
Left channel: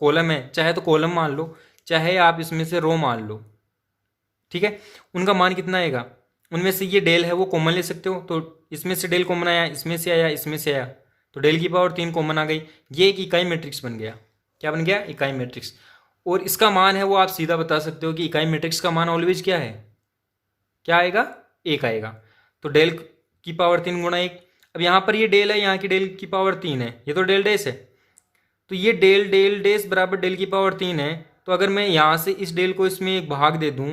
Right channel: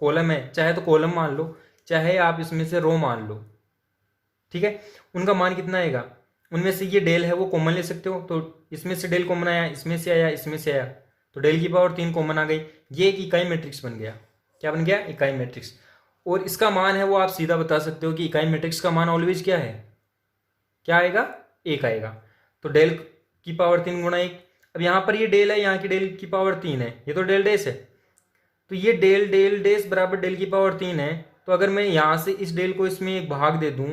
कॉलम है, चाहे तो कॉलम मान लो चाहे आप इसमें से रो मान लो, ठीक है, उनका मान कितना आएगा? उनमें से ये डेल है वो कॉमन ले सकते हो, तो इसमें से डेल कॉमन आया, इसमें से आया, इसमें से आया, तो डेल की पावर 3 कॉमन आ गई, ये एक इकाई मैट्रिक्स बन गया। क्या बन गया? इकाई मैट्रिक्स। और इसका मान है वो आप सीधा बता सकते हो कि इकाई मैट्रिक्स का मान ऑलवेज क्या है? क्या आएगा? 1 आएगा। तो डेल की पावर 3 गुणा 1। अब यहाँ पर ये डेल है, यहाँ की डेल की पावर 3 है, ये तो डेल डैश है, तो ये डेल डेल डैश बराबर डेल की पावर 3 है। तो अगर मैं यहाँ से इस डेल को इसमें एक भाग दे दूं,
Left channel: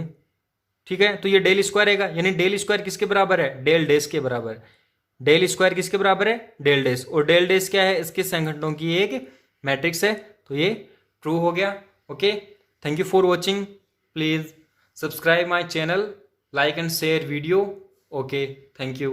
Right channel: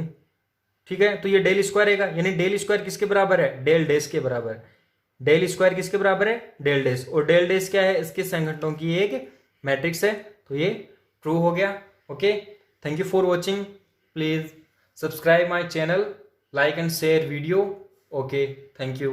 ठीक है, तो ये डेल स्क्वायर रहेगा, यानी डेल स्क्वायर किसके बराबर है? डेल डैश के बराबर। डेल स्क्वायर किसके बराबर है? Del dash. और डेल डैश क्या है? इसके संघटनों की एक मैट्रिक्स है, तो ये ट्रू हो गया। Okay, thank you for watching. Please subscribe my channel, like and share video. Okay, thank you.